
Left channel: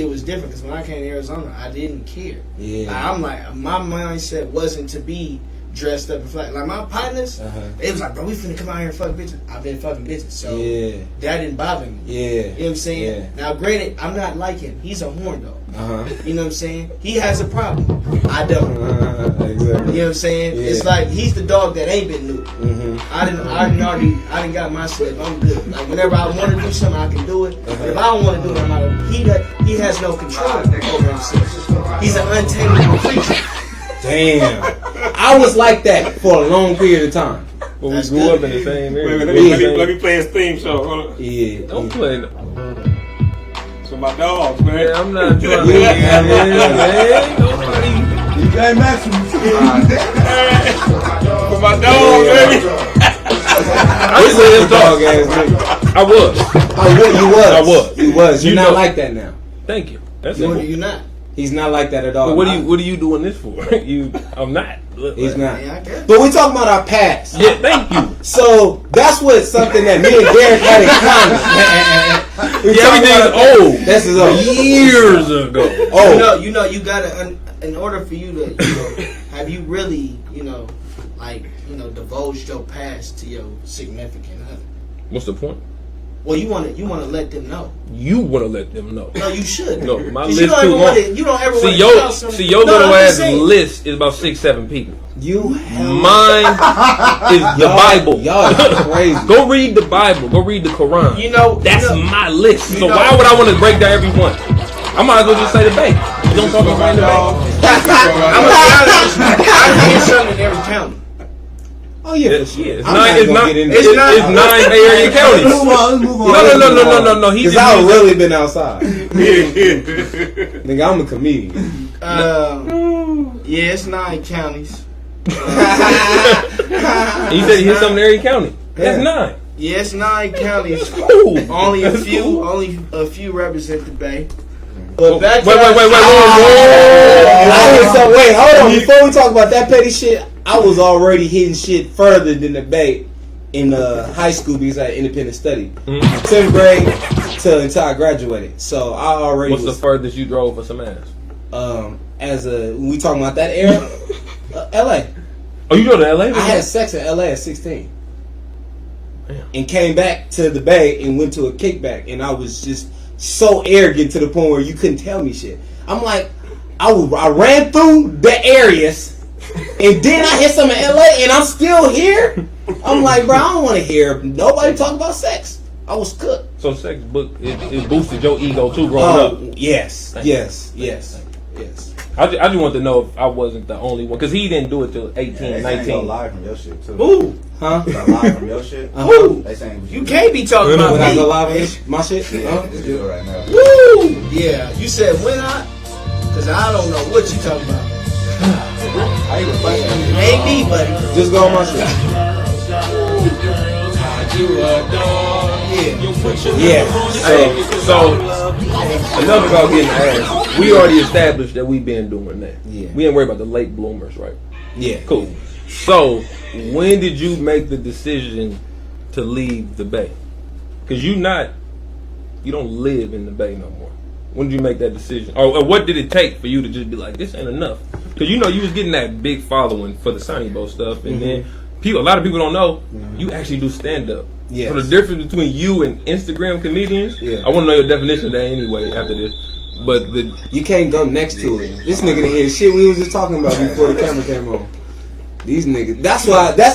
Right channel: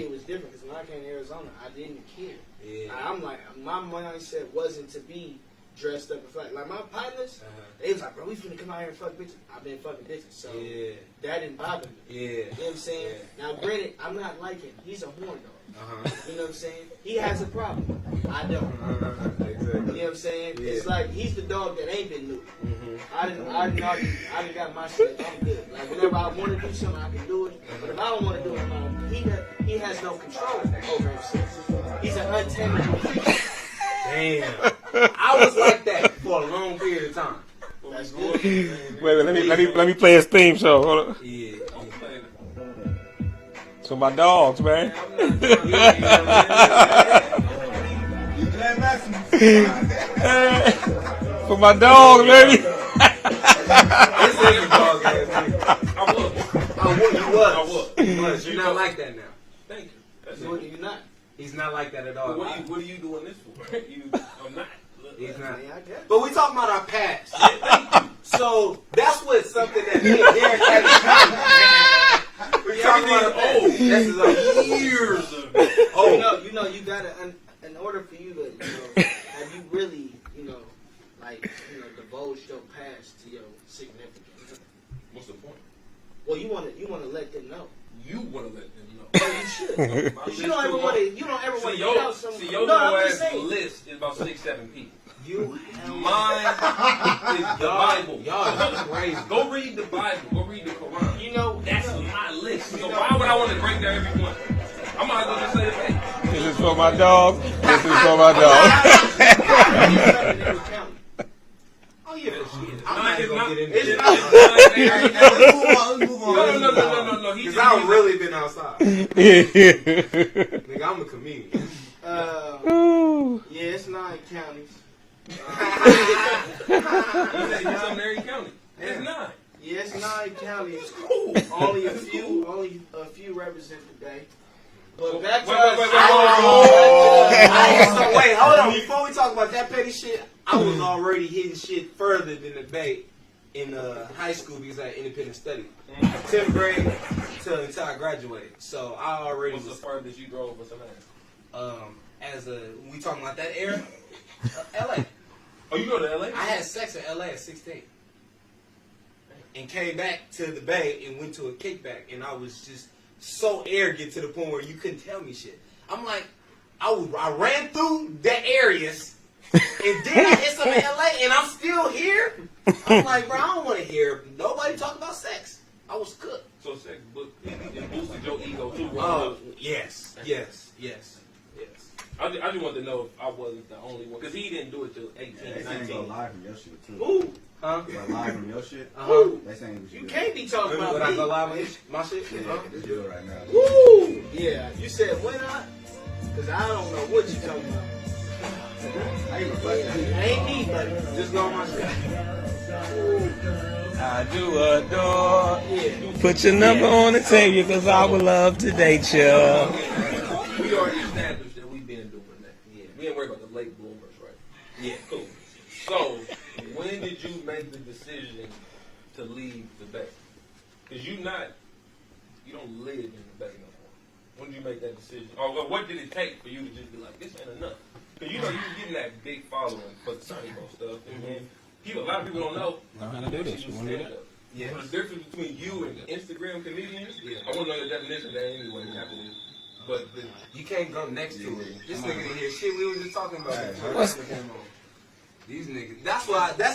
it was different because when I came to Arizona, I didn't care. Yeah. Like, I'm like, my mindset wasn't to be dressed up and flat. Like my partners, it was like, bro, we finna come out here and fuck bitches. I've been fucking bitches, so Yeah. that didn't bother me. Yeah. You know what I'm saying? Yeah. Now, granted, I'm not like him. He's a horn dog. Uh-huh. You know what I'm saying? He has a problem. I don't. Exactly. You know what I'm saying? Yeah. It's like he's the dog that ain't been new. Mm-hmm. I didn't got my slip. I'm good. Like whenever I want to do something, I can do it. But if I don't want to do it, I'm out. He has no control over himself. He's an untamable creature. Damn. I was like that for a long period of time. But we That's grew good. up in the same Wait, area. let me play his theme song. Hold on. Yeah. Don't play. So my dogs, man. Man, I'm not trying to. Yeah, Man, nobody. Hey, Maximus. For my dogs, baby. This is his dog ass nigga. I was. I was. You're You not know- like that now. Thank you. That's You're it. not. He's not like that at all. But what are you doing this for? I'm not. He's not. Yeah, I guess. But we talking about our past. Yeah, thank you. So that's what something that me and Derek had in common. We Yeah, talking everything's about- old. This is old. Years ago. Oh, You gotta. In order for you to, have you really, divulged your past to your significant other? What's the point? Well, you want to let them know. You want to let them know. No, you should. No, my 'Cause list you don't too ever long. want to. You don't ever want to tell somebody. See your No, little I'm ass just saying. list is about 6-7 people. You hell. Mine is the Bible. Y'all are crazy. Go read the Bible. Go read the Quran. You know That's you know, my list. So you know- why would I want to break down every one? I might as well just say the Bay. You don't talk about the Bay. I'm in something in every county. Oh yeah, It's for sure. it's I'm nine. not It's gonna not. get into It's it. not- 9 Bay Area counties. Let's move on. No. He Cause just I've used- really been outside. Nigga, I'm a comedian. Yeah, it's 9 counties. He said he hit something in every county. That's Yeah. 9. Yeah, it's 9 counties. Ooh. Only a few represent the Bay. But back Wait. Wait, hold on. Before we talk about that petty shit, I was already hitting shit further than the Bay in high school because I had independent study. Mhm. 10th grade until I graduated. So I already What's the was furthest you drove for some ass? when we talking about that era, LA. Oh, you go to LA? I had sex in LA at 16. Damn. And came back to the Bay and went to a kickback, and I was just so arrogant to the point where you couldn't tell me shit. I'm like, I ran through the areas, and then I hit some in LA, and I'm still here. I'm like, bro, I don't want to hear nobody talk about sex. I was cooked. So sex book it boosted your ego too growing up. Yes. I just want to know if I wasn't the only one because he didn't do it till 18, 19. live from your shit too. Ooh, Huh? Live from your shit. Ooh. They saying You can't be talking When I about go me. live on this, my shit? Huh? Just do it right now. Woo! Yeah, you said when I? Because I don't know what you talking about. I even fucking. Ain't me, buddy. Just go on my shit. Yeah. Hey, so enough about getting ass. We already established that we been doing that. Yeah. We ain't worried about the late bloomers, right? Yeah. Cool. So when did you make the decision to leave the Bay? Because you don't live in the Bay no more. When did you make that decision? Or what did it take for you to just be like, this ain't enough? Because you was getting that big following for the Sonny Bo stuff, and then a lot of people don't know you actually do stand up. Yes. So the difference between you and Instagram comedians, Yeah. I want to know your definition of that anyway after this. But You can't go next to it. This nigga didn't hear shit we was just talking about before the camera came on. These niggas. That's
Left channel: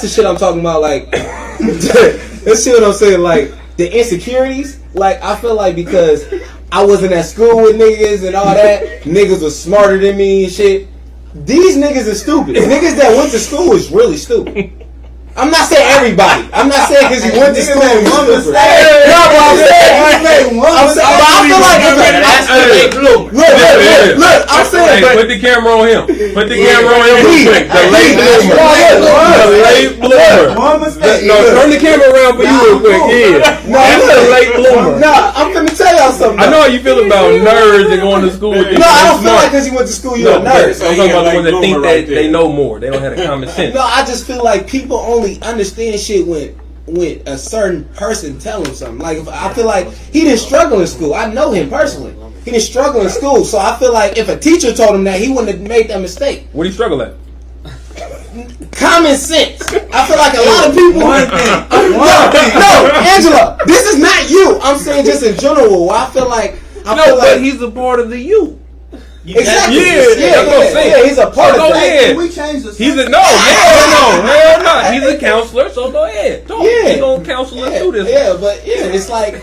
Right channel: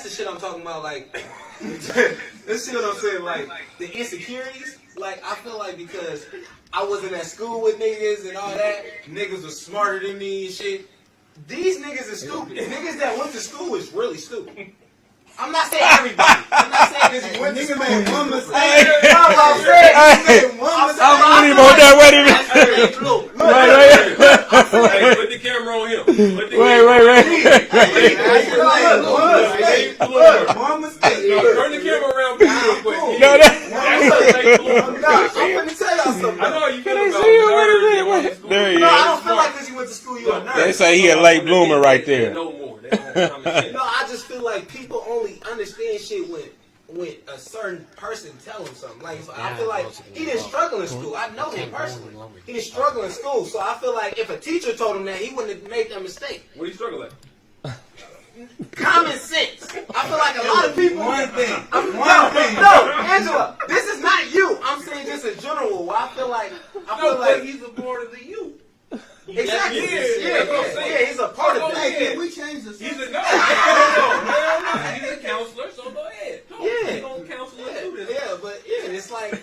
the shit I'm talking about. Like, let's see what I'm saying. Like, the insecurities. Like, I feel like because I wasn't at school with niggas and all that, niggas was smarter than me and shit. These niggas are stupid. Niggas that went to school is really stupid. I'm not saying everybody. I'm not saying because you went to school. made one stupid. mistake. No, but I'm saying. made one I'm saying, but I feel like that's a big blue. Look, I'm saying, but put the camera on him. Put the camera on him. The late bloomer. The late bloomer. One mistake. No, turn the camera around for you real quick. Yeah. That's a late bloomer. nah, I'm finna tell y'all something. I know how you feel about nerds and going to school with No, I don't feel like because you went to school, you're a nerd. So he a late bloomer right there. They know more. They don't have the common sense. No, I just feel like people only understand shit when a certain person tell him something. Like, I feel like he didn't struggle in school. I know him personally. He didn't struggle in school, so I feel like if a teacher told him that, he wouldn't have made that mistake. What do you struggle at? Common sense. I feel like a lot of people. No, Angela, this is not you. I'm saying just in general. I feel like. He's a part of the you. Exactly. Yeah, that's what I'm saying. Yeah, he's a part Go of that. ahead. Can we change the He's a hell no. He's a counselor, so go ahead. Talk. Yeah. He's gonna counsel us through this. Yeah, but it's like,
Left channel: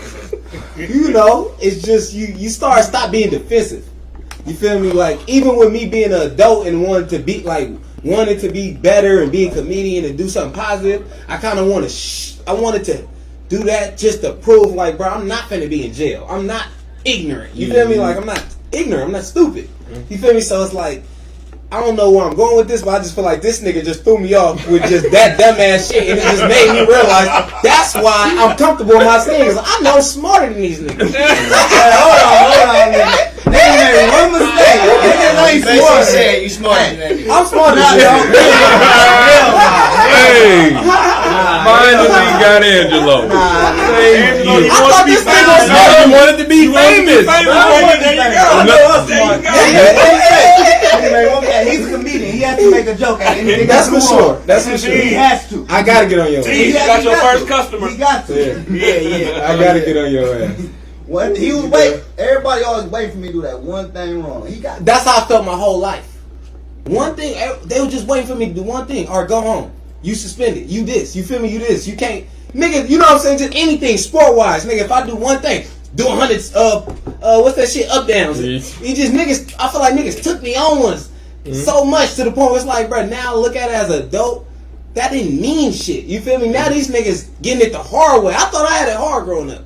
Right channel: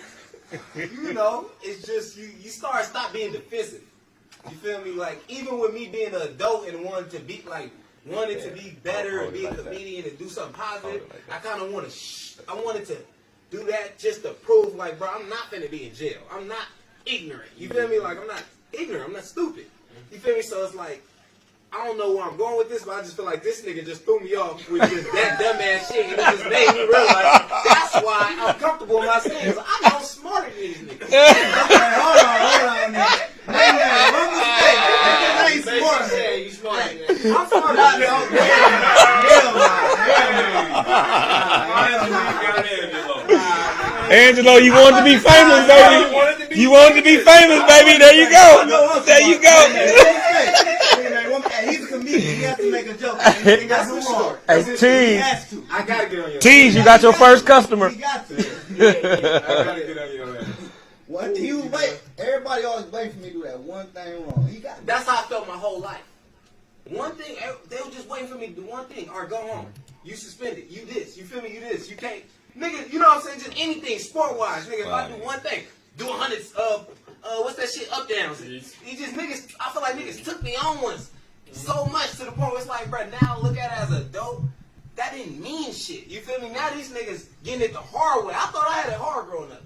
it's just you stop being defensive. You feel me? Like, even with me being an adult and wanting to be better and be a comedian and do something positive, I kind of I wanted to do that just to prove, like, bro, I'm not finna be in jail. I'm not ignorant. You feel me? Like, I'm not ignorant. I'm not stupid. You feel me? So it's like, I don't know where I'm going with this, but I just feel like this nigga just threw me off with just that dumbass shit, and it just made me realize that's why I'm comfortable in my skin, because I know I'm smarter than these niggas. Hold on. They made one mistake. They ain't Basically smart. saying you smarter than that. I'm smarter than Hey, finally got Angelo. Angelo, you want to be this was famous? No, you wanted to be You want to be famous, baby? There you go. There you go. He's a comedian. He has to make a a joke at anything. That's for sure. That's for He sure. has to. I gotta get on your ass. Tease, you got your first customer. He got to. Yeah. I gotta get on your ass. What he was waiting. Everybody always waiting for me to do that one thing wrong. He got. That's how I felt my whole life. One thing, they were just waiting for me to do one thing. Or go home. You suspended. You this. You feel me? You this. You can't. Nigga, you know what I'm saying? Just anything sport-wise. Nigga, if I do one thing, do 100, what's that shit? Up downs. He just niggas, I feel like niggas took me on once so much to the point where it's like, bro, now I look at it as a dope. That didn't mean shit. You feel me? Now these niggas getting it the hard way. I thought I had it hard growing up.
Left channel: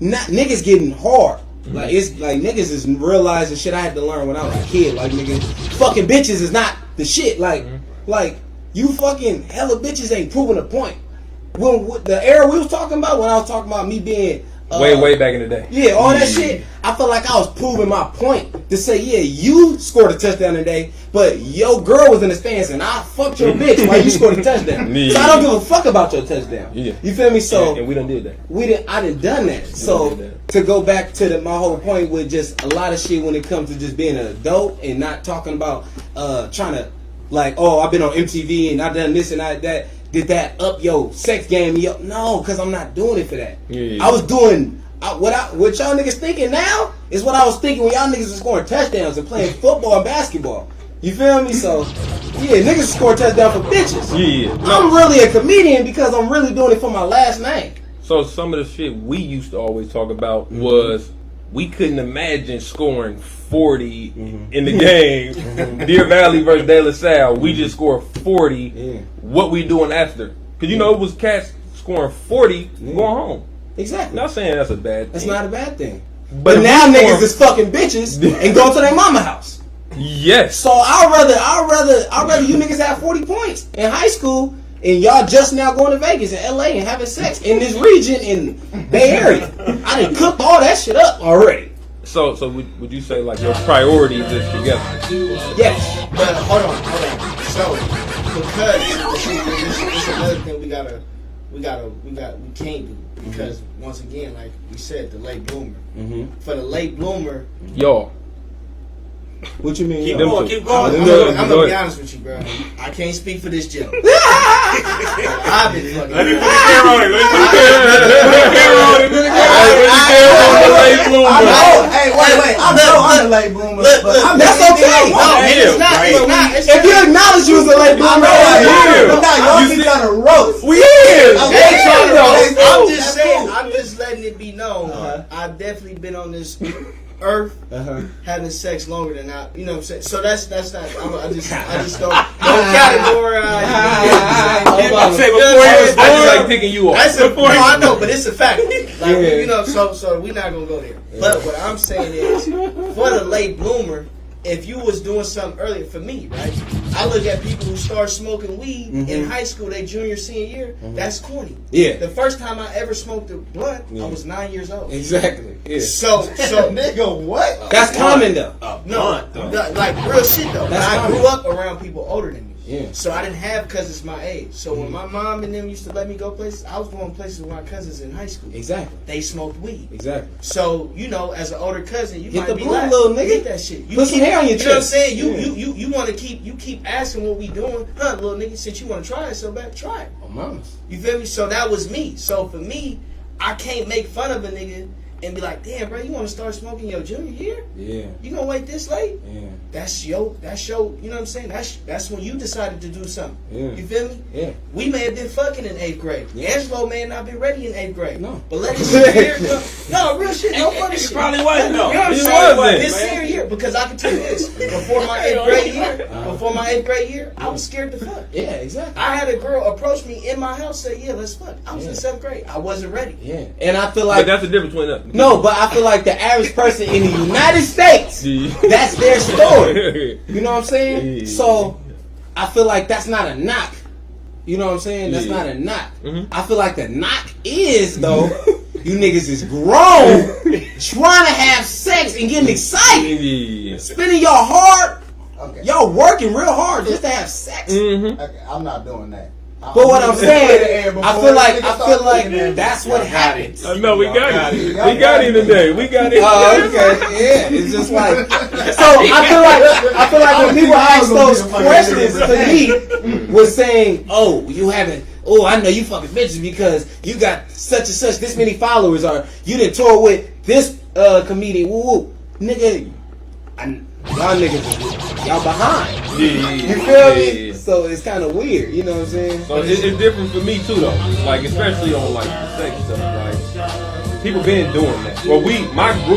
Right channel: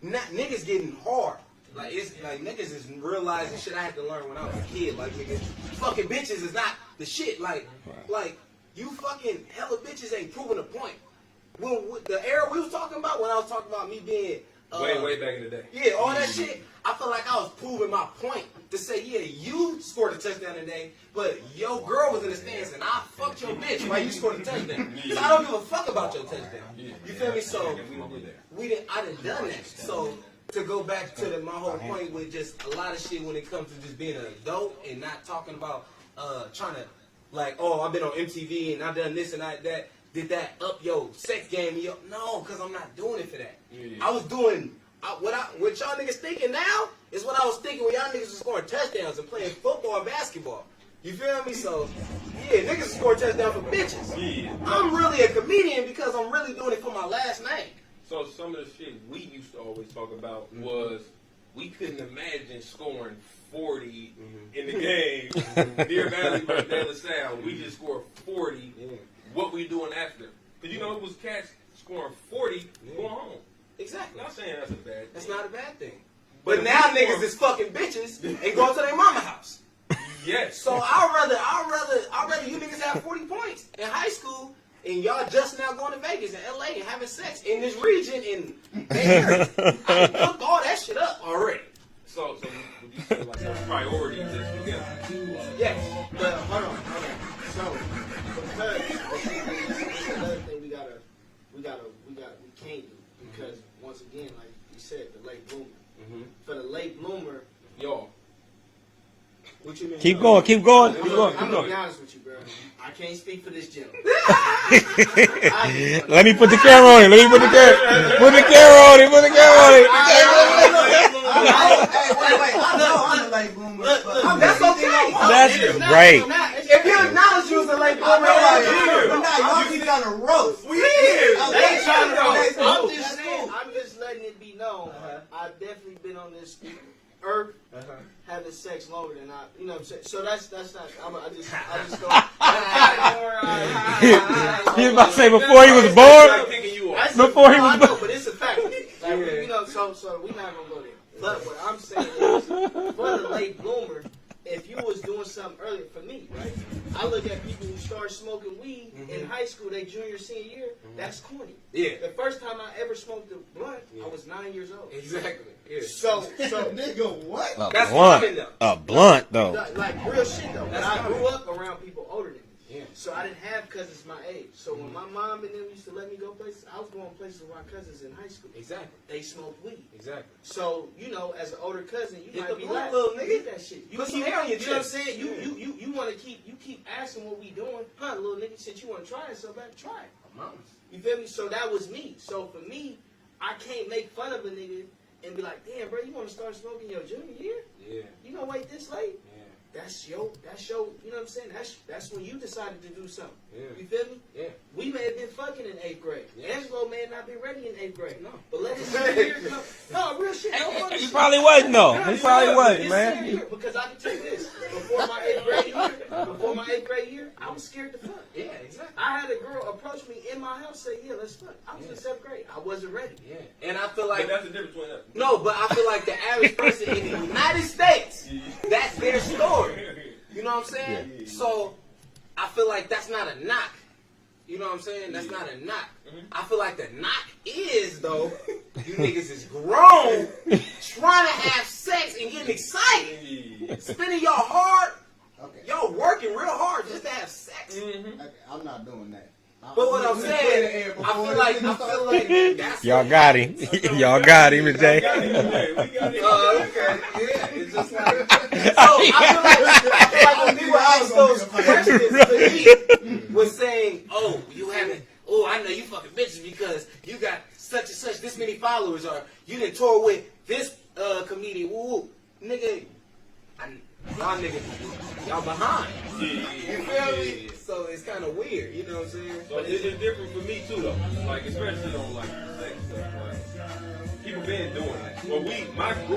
Not niggas getting hard. Like it's like niggas is realizing shit I had to learn when I was a kid. Like niggas, fucking bitches is not the shit. Like you fucking hella bitches ain't proving a point. When the era we was talking about, when I was talking about me being way back in the day. Yeah, all that shit. I felt like I was proving my point to say, yeah, you scored a touchdown today, but your girl was in the stands and I fucked your bitch while you scored a touchdown. Yeah. So I don't give a fuck about your touchdown. Yeah. You feel me? So and we done did that. I done done that. So to go back to my whole point with just a lot of shit when it comes to just being an adult and not talking about trying to like, oh, I've been on MTV and I done this and that. Did that up your sex game? No, because I'm not doing it for that. Yeah. I was doing what y'all niggas thinking now is what I was thinking when y'all niggas was scoring touchdowns and playing football and basketball. You feel me? So yeah, niggas score touchdowns for bitches. Yeah. I'm really a comedian because I'm really doing it for my last name. So some of the shit we used to always talk about was we couldn't imagine scoring 40 in the game. Deer Valley versus De La Salle. We just scored 40. Yeah. What we doing after? Because you know it was cats scoring 40 going home. Exactly. Not saying that's a bad thing. That's not a bad thing. But now niggas is fucking bitches and go to their mama house. Yes. So I'd rather you niggas have 40 points in high school and y'all just now going to Vegas and LA and having sex in this region in Bay Area. I done cooked all that shit up already. So would you say like your priorities is together? Yes. But hold on. So because this is another thing we can't do because once again, like we said, the late bloomer. For the late bloomer, Y'all. What you mean? Keep yo? going, keep going. I'm gonna be honest with you, bro. I can't speak for this gentleman. I've been fucking. Let me put the camera on him. Let me put the camera on him. Hey, wait. I'm the late bloomer. Look, That's okay. It's not. Right. It's not. It's If you acknowledge you was a late bloomer, Y'all be trying to roast. We is. I'm just That's saying. cool. I'm just letting it be known. I've definitely been on this earth having sex longer than I. You know what I'm saying? So that's not. I just don't category. You about to say before he was I just like born? picking you off. That's no, I know, but it's a fact. Like you know, so we're not gonna go there. But what I'm saying is, for the late bloomer, if you was doing something earlier, for me, right? I look at people who start smoking weed in high school, their junior, senior year. That's corny. Yeah. The first time I ever smoked a blunt, I was 9 years old. Exactly. Yeah. So Nigga, what? That's common though. A blunt, though. like real shit though. That's I common. grew up around people older than me. Yeah. So I didn't have cousins my age. So when my mom and them used to let me go places, I was going places with my cousins in high school. Exactly. They smoked weed. Exactly. So, you know, as an older cousin, you Get might the be blue, like, little nigga. get that shit. You Put some hair on your You know what I'm chest. saying? Yeah. You want to keep asking what we doing. Huh, little nigga, since you want to try it so bad, try it. Oh, mamas. You feel me? So that was me. So for me, I can't make fun of a nigga and be like, damn, bro, you want to start smoking your junior year? Yeah. You gonna wait this late? Yeah. That's your, you know what I'm saying? That's when you decided to do something. Yeah. You feel me? Yeah. We may have been fucking in 8th grade. Yeah. Angelo may have not been ready in 8th grade. No. But let his senior year go. No, real shit. No funny shit. Probably wasn't, though. You know what I'm He saying? wasn't, His man. senior year, because I can tell you this. Before my 8th grade year, I was scared to fuck. Yeah, exactly. I had a girl approach me in my house, say, yeah, let's fuck. I was in 7th grade. I wasn't ready. Yeah. And I feel But like that's the difference between us. no, but I feel like the average person in the United States, that's their story. You know what I'm saying? Yeah. So I feel like that's not a knock. You know what I'm saying? That's Yeah. not a knock. Mhm. I feel like the knock is though, you niggas is grown, trying to have sex and getting excited, Yeah. spending your hard, Okay. y'all working real hard just to have sex. Mm-hmm. Okay, I'm not doing that. But what I'm saying, I feel like that's what Y'all got him. I know we Y'all got him. him We today. got him today. We got him. Oh, okay. Yeah, it's just like so. I feel like when people ask those questions to me, was saying, "Oh, you haven't. Oh, I know you fucking bitches because you got such and such this many followers, or you done tour with this comedian." Woo woo, nigga. Y'all niggas, y'all behind. You feel me? Yeah. So it's kind of weird. You know what I'm saying? So it's different for me too, though. Like especially on like the sex stuff. Like people been doing that. Well, my group.